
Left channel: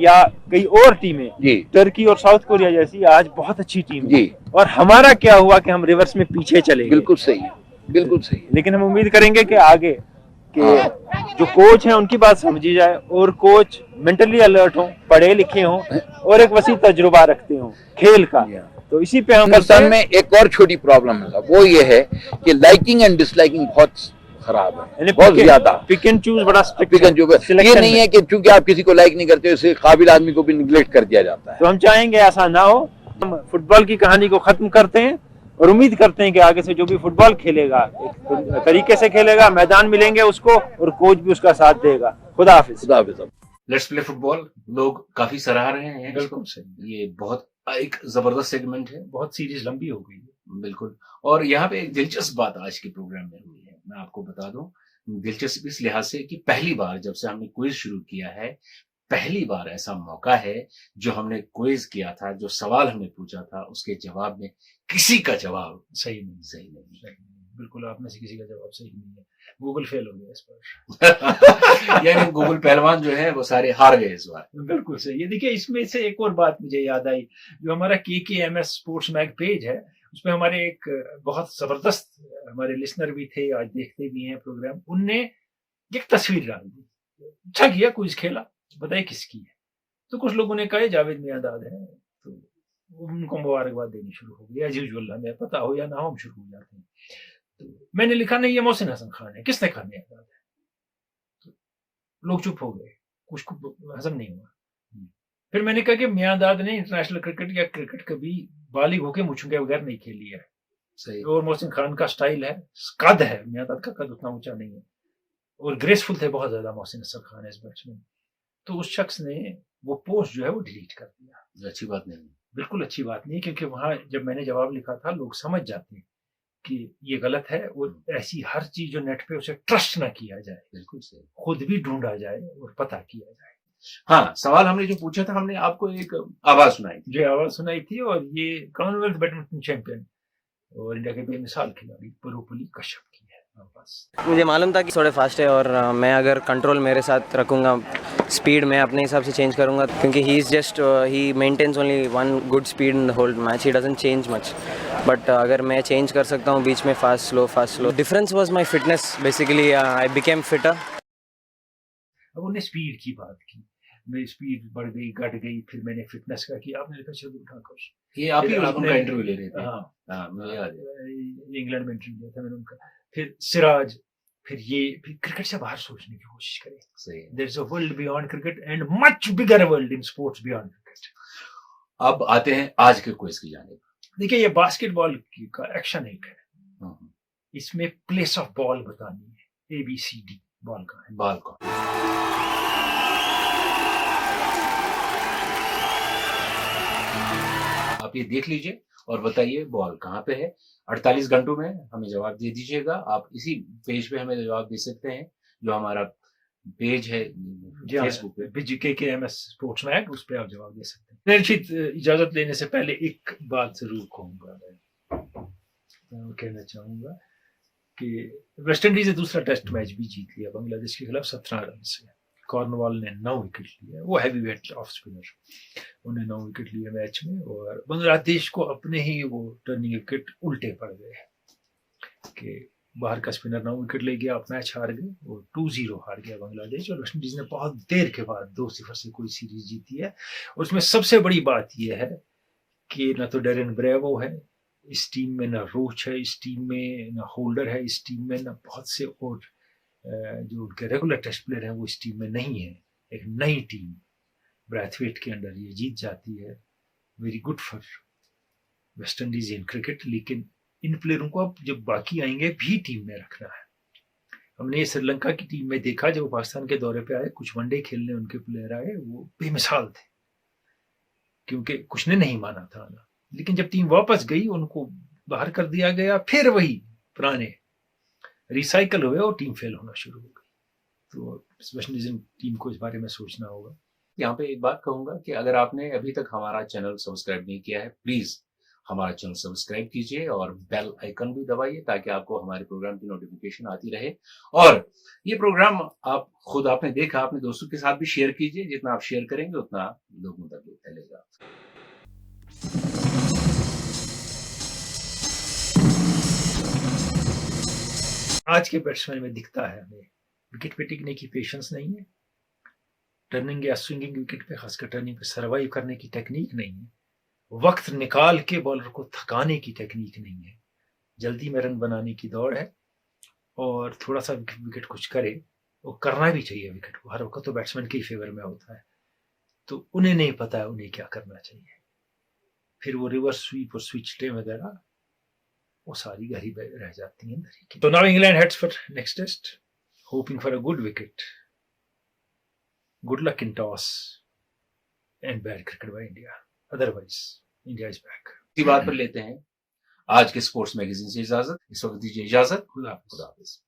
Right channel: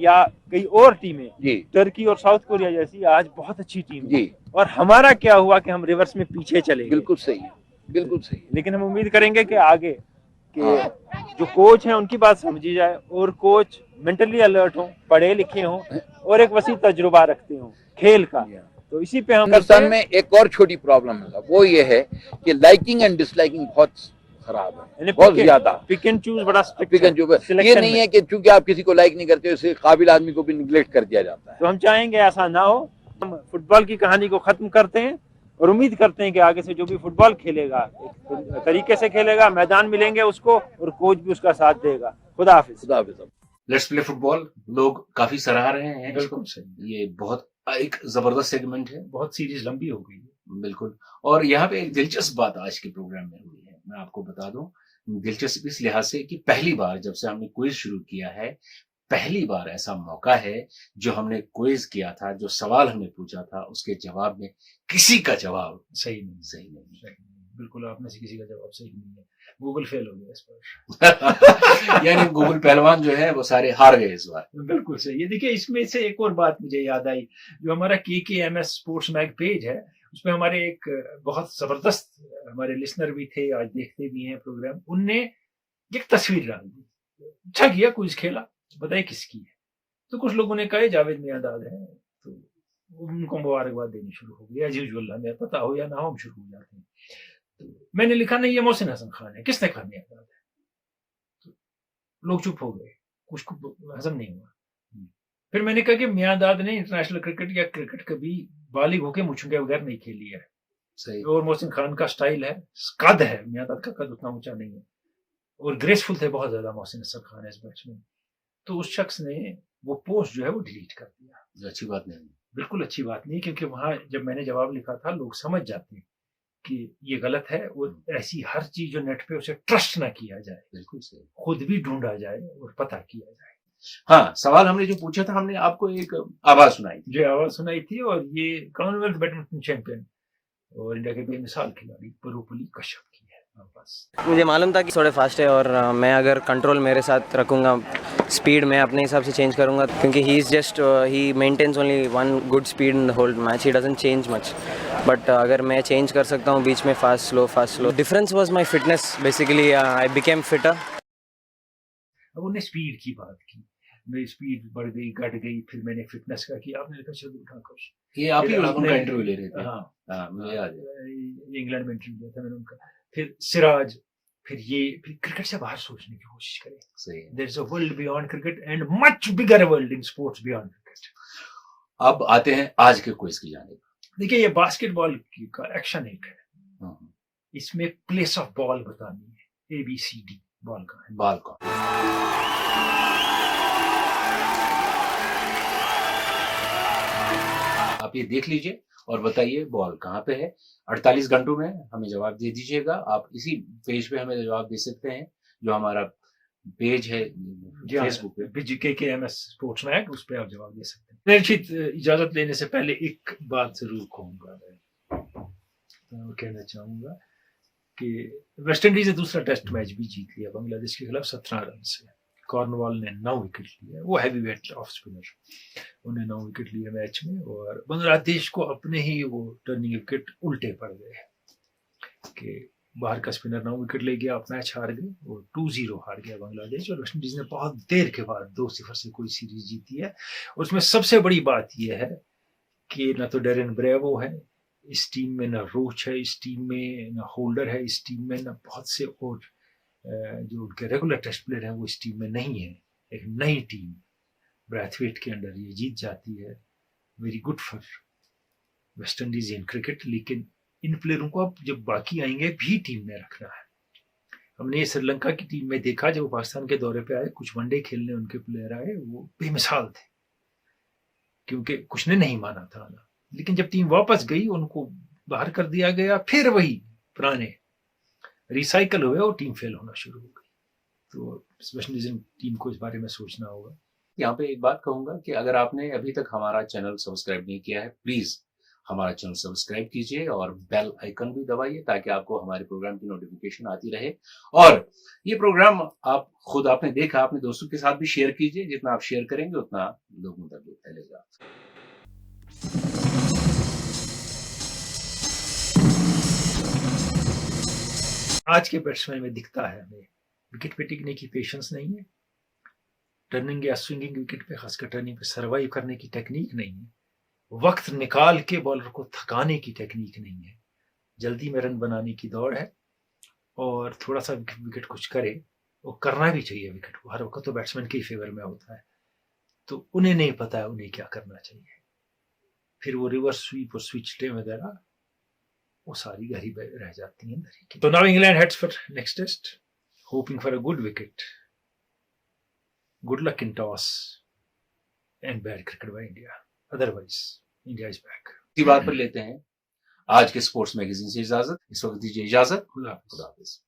या कई और टीमें, टर्की और साउथ कोरिया जैसी, आज बहुत अच्छी टीम है। और हमारा क्या हुआ कि हम रिवर्स में पीछे चले गए। बिल्कुल सही है, बिल्कुल सही। लेकिन हम उम्मीद करेंगे कि आगे कि जो कोच हैं उनकी बात समझी जाए और कोच मेंटली अलर्ट हो, पढ़े लिखे हों और एक वसी तजुर्बा रखते हों खेल का। तो इसी पे हम हिंदुस्तान में एक और छोटी प्रॉब्लम है, वो ये है कि लाइकिंग एंड डिसलाइकिंग बहुत खराब है, बहुत ज्यादा। पिक एंड चूज बड़ा पिक एंड चूज। ये नहीं है कि चूंकि आप किसी को लाइक नहीं करते हो इससे काबिल आदमी को भी निगलेक्ट कर दिया जाता है। तो हम चाहेंगे ऐसा ना हो। हम फुटबॉल की कहानी को खत्म करते हैं और उम्मीद करते हैं कि आगे से जो भी फुटबॉल खेलेगा एक तरीके से खेलेगा, मैदान मिलेंगे उसको और कोच भी उसका साथ देगा। खुदा हाफिज। खुदा हाफिज। लेट्स प्ले फुटबॉल लोग काफी सराह रहे हैं। बिल्कुल सही। ये बहुत एक जबरदस्त सेगमेंट है, बहुत सीरीज लंबी हो गई है। बिल्कुल। और यहाँ पे एक दिलचस्प बात आज के प्रोग्राम में हुई है, मैं आपको बता दूं। दिलचस्प इस लिहाज से कि पहली बार जब से हमने क्विज शुरू किया है, पहली बार ऐसा मौका है जो हमने क्विज किया था, जो सवाल हमने पूछा था उसके जवाब में किसी का जवाब सही नहीं। बिल्कुल आपने से किसी का जवाब सही नहीं है। गूगल फेल हो गया इस पर। यानी गूगल पहलवान जो है वो सारे हार गए इस बार। बिल्कुल सही। ये देखिए, इसमें से एक और बात मुझे याद आई, जो हमारा KKMS स्पोर्ट्स मैग पेज है, उसमें हमारे एक बहुत जबरदस्त हमारे लिसनर भी थे, आज देखते भी हैं प्रोग्राम, उनने एक तस्वीर डाल दी। अच्छा किया, कुछ खेला, बताइए किसकी है। तो कुछ लोगों ने कहा जावेद मियांदाद है, तो उनको मुबारकबाद देनी शुरू हो गई। एज यूजुअल, हमें पता हो या ना हो हम शुरू हो जाते हैं। तो मैंने लिखा नहीं, ये मोहसिन हसन खान है। किसने कहा मियांदाद है? तो लोग चुप हो गए, कुछ को हजम नहीं हुआ। फिर मैंने कहा कि मियांदाद ने इंटरनेशनल क्रिकेट या क्रिकेट कभी बालिग होकर मुछों के बगैर नहीं खेली है। सही। और मोहसिन खान का स्टाइल है, कद है, मियांदाद का कद उतना ऊंचा नहीं है, और ग्रेसफुल थे बहुत ज्यादा मोहसिन हसन खान इस बैट्समैन। तो उस शख्स ने वो पोस्ट जो है वो डिलीट कर दिया। अच्छी बात नहीं, बिल्कुल अच्छी बात नहीं, क्योंकि वहां जब मैंने जवाब लिखा था लोग समझ जाते हैं कि ये गलत है। और ऐसी हर चीज जो नेट पे उसे ट्रस्ट ना किया जाए, बिल्कुल सही, खुद भी ढूंढा जाए और पता किया जाए। हाँ, सवाल हमने जो पूछा था, हमने आपको एक आवाज सुनाई थी। जो आवाज सुनाई थी, और ये कॉमनवेल्थ बैडमिंटन चैंपियन और इंडिया के बेमिसाल खिलाड़ी परुपल्ली कश्यप की है। बस मुझे मालूम था कि थोड़े फास्ट है और मैं अगर कंट्रोल मेरे साथ रखूँगा, स्पीड मैं अपने हिसाब से चेंज करूँगा, क्योंकि he is just he maintains only one good speed in the whole match, he doesn't change much. But अगर मैं चेंज कर सकता हूँ बीच में fast slow. Difference was my fitness, basically I became fitter. अब उन्हें स्पीड की बात की, मेरी स्पीड बढ़ गई, घट गई, फिर मैंने फिटनेस का किया। आपने देखा शार्दुल ठाकुर, ये आप ही फिर लोग उनका आपने- इंटरव्यू ले रहे थे। हाँ, हाँ, मुझे याद है। इंग्लैंड में इंटरव्यू दिया था मैंने उनका। फिर सिराज, फिर क्रिकेट से बाहर सोचने की कोशिश करें। सही है। There is a world beyond cricket and much bigger world in sports beyond cricket. अब आते हैं आज के क्विज की जानिब। देखिए, ये बास्केटबॉल का एक्शन एक है, हम्म, इसमें प्लेस ऑफ बॉल बतानी है, ABCD बॉल का है। बाल का आप ये देख लीजिए और बताइए बॉल कहाँ पे है। 48 घंटों में हमें जवाब दे दीजिएगा। आप इसी पेज पे हमें जवाब दे सकते हैं, जो हमारा पेज है फेसबुक पे, KKMS स्पोर्ट्स मैग, उस पर आप जवाब दे सकते हैं। निश्चित इजाजत लेने से पहले एक बात जरूर कहूंगा, मैं कहना चाहूंगा कि वेस्ट इंडीज ने दूसरा टेस्ट मैच भी जीत लिया बांग्लादेश के खिलाफ 17 रन से। कॉर्नवॉल ने 9 विकेट लिए, वो हैवीवेट ऑफ स्पिनर, उन्हें 9 विकेट लिए मैच में, और बांग्लादेश को अपने ही वो टर्निंग विकेट उल्टे पड़ गए कि बाहर का स्पिनर 9 विकेट ले गया, मैच हार गए, वो 2-0 हार गया बांग्लादेश। और वेस्ट इंडीज ने बहुत देर के बाद 2-0 से कोई सीरीज जीती है। और उसमें सबसे बड़ी बात यह है कि ना तो डेरेन ब्रेवो है इस टीम में, ना रोच है इस टीम में, ना होल्डर है इस टीम में, ना बहुत से और जो उनके रेगुलर टेस्ट प्लेयर हैं वो इस टीम में नहीं है। एक नई टीम ब्रैथवेट के अंडर ये जीत जाती है, very good for West Indies in cricket. लेकिन इन प्लेयरों को अब जब बाकी आएंगे भी टीम में रखना है। हमने ये श्रीलंका की टीम में देखा, जब वो पाकिस्तान के दौरे पे आए, कुछ वनडे खेलने उनके प्लेयर आए, वो बेमिसाल थे, क्योंकि कुछ ने नहीं माना था ना। लेकिन जब टीम वापस गई, उनको बाहर कर दिया गया, फिर वही पुराने रिसाइकल हुए और टीम फेल होना शुरू हो गई। तो वेस्ट इंडीज टीम को इस बारे में सोचना होगा। यहाँ पे एक बात कहूंगा कि अगर आपने अभी तक हमारा चैनल सब्सक्राइब नहीं किया है, प्लीज हमारा चैनल सब्सक्राइब कीजिए और बेल आइकन भी दबाइए, ताकि आपको हमारे प्रोग्राम की नोटिफिकेशन आती रहे। और ये प्रोग्राम आप खुद आपने देखा, अपने दोस्तों के साथ भी शेयर कीजिए। जितना आप शेयर करेंगे उतना लोगों तक फैलेगा। आज के बैट्समैन में दिखता है हमें विकेट पे टिकने की पेशेंस नहीं है, टर्निंग या स्विंगिंग विकेट पे, खासकर टर्निंग पे सर्वाइव करने की टेक्निक नहीं है, वक्त निकाल के बॉलर को थकाने की टेक्निक नहीं है, जल्दी में रन बनाने की दौड़ है। और थोड़ा सा विकेट कुछ करे, वो करना भी चाहिए विकेट को, हर वक्त तो बैट्समैन के ही फेवर में होता है, तो उन्हें नहीं पता है उन्हें क्या करना चाहिए। फिर वो रिवर्स स्वीप और स्विच डे वगैरह वो सारी घर ही रह जाती हैं अंदर ही। तो now England heads for next test, hoping for a good wicket, good luck in toss and bad cricket by India, otherwise India is back. इसी बात पर लेते हैं आज के स्पोर्ट्स मैगजीन से इजाजत। इस वक्त दीजिए इजाजत। खुदा हाफिज।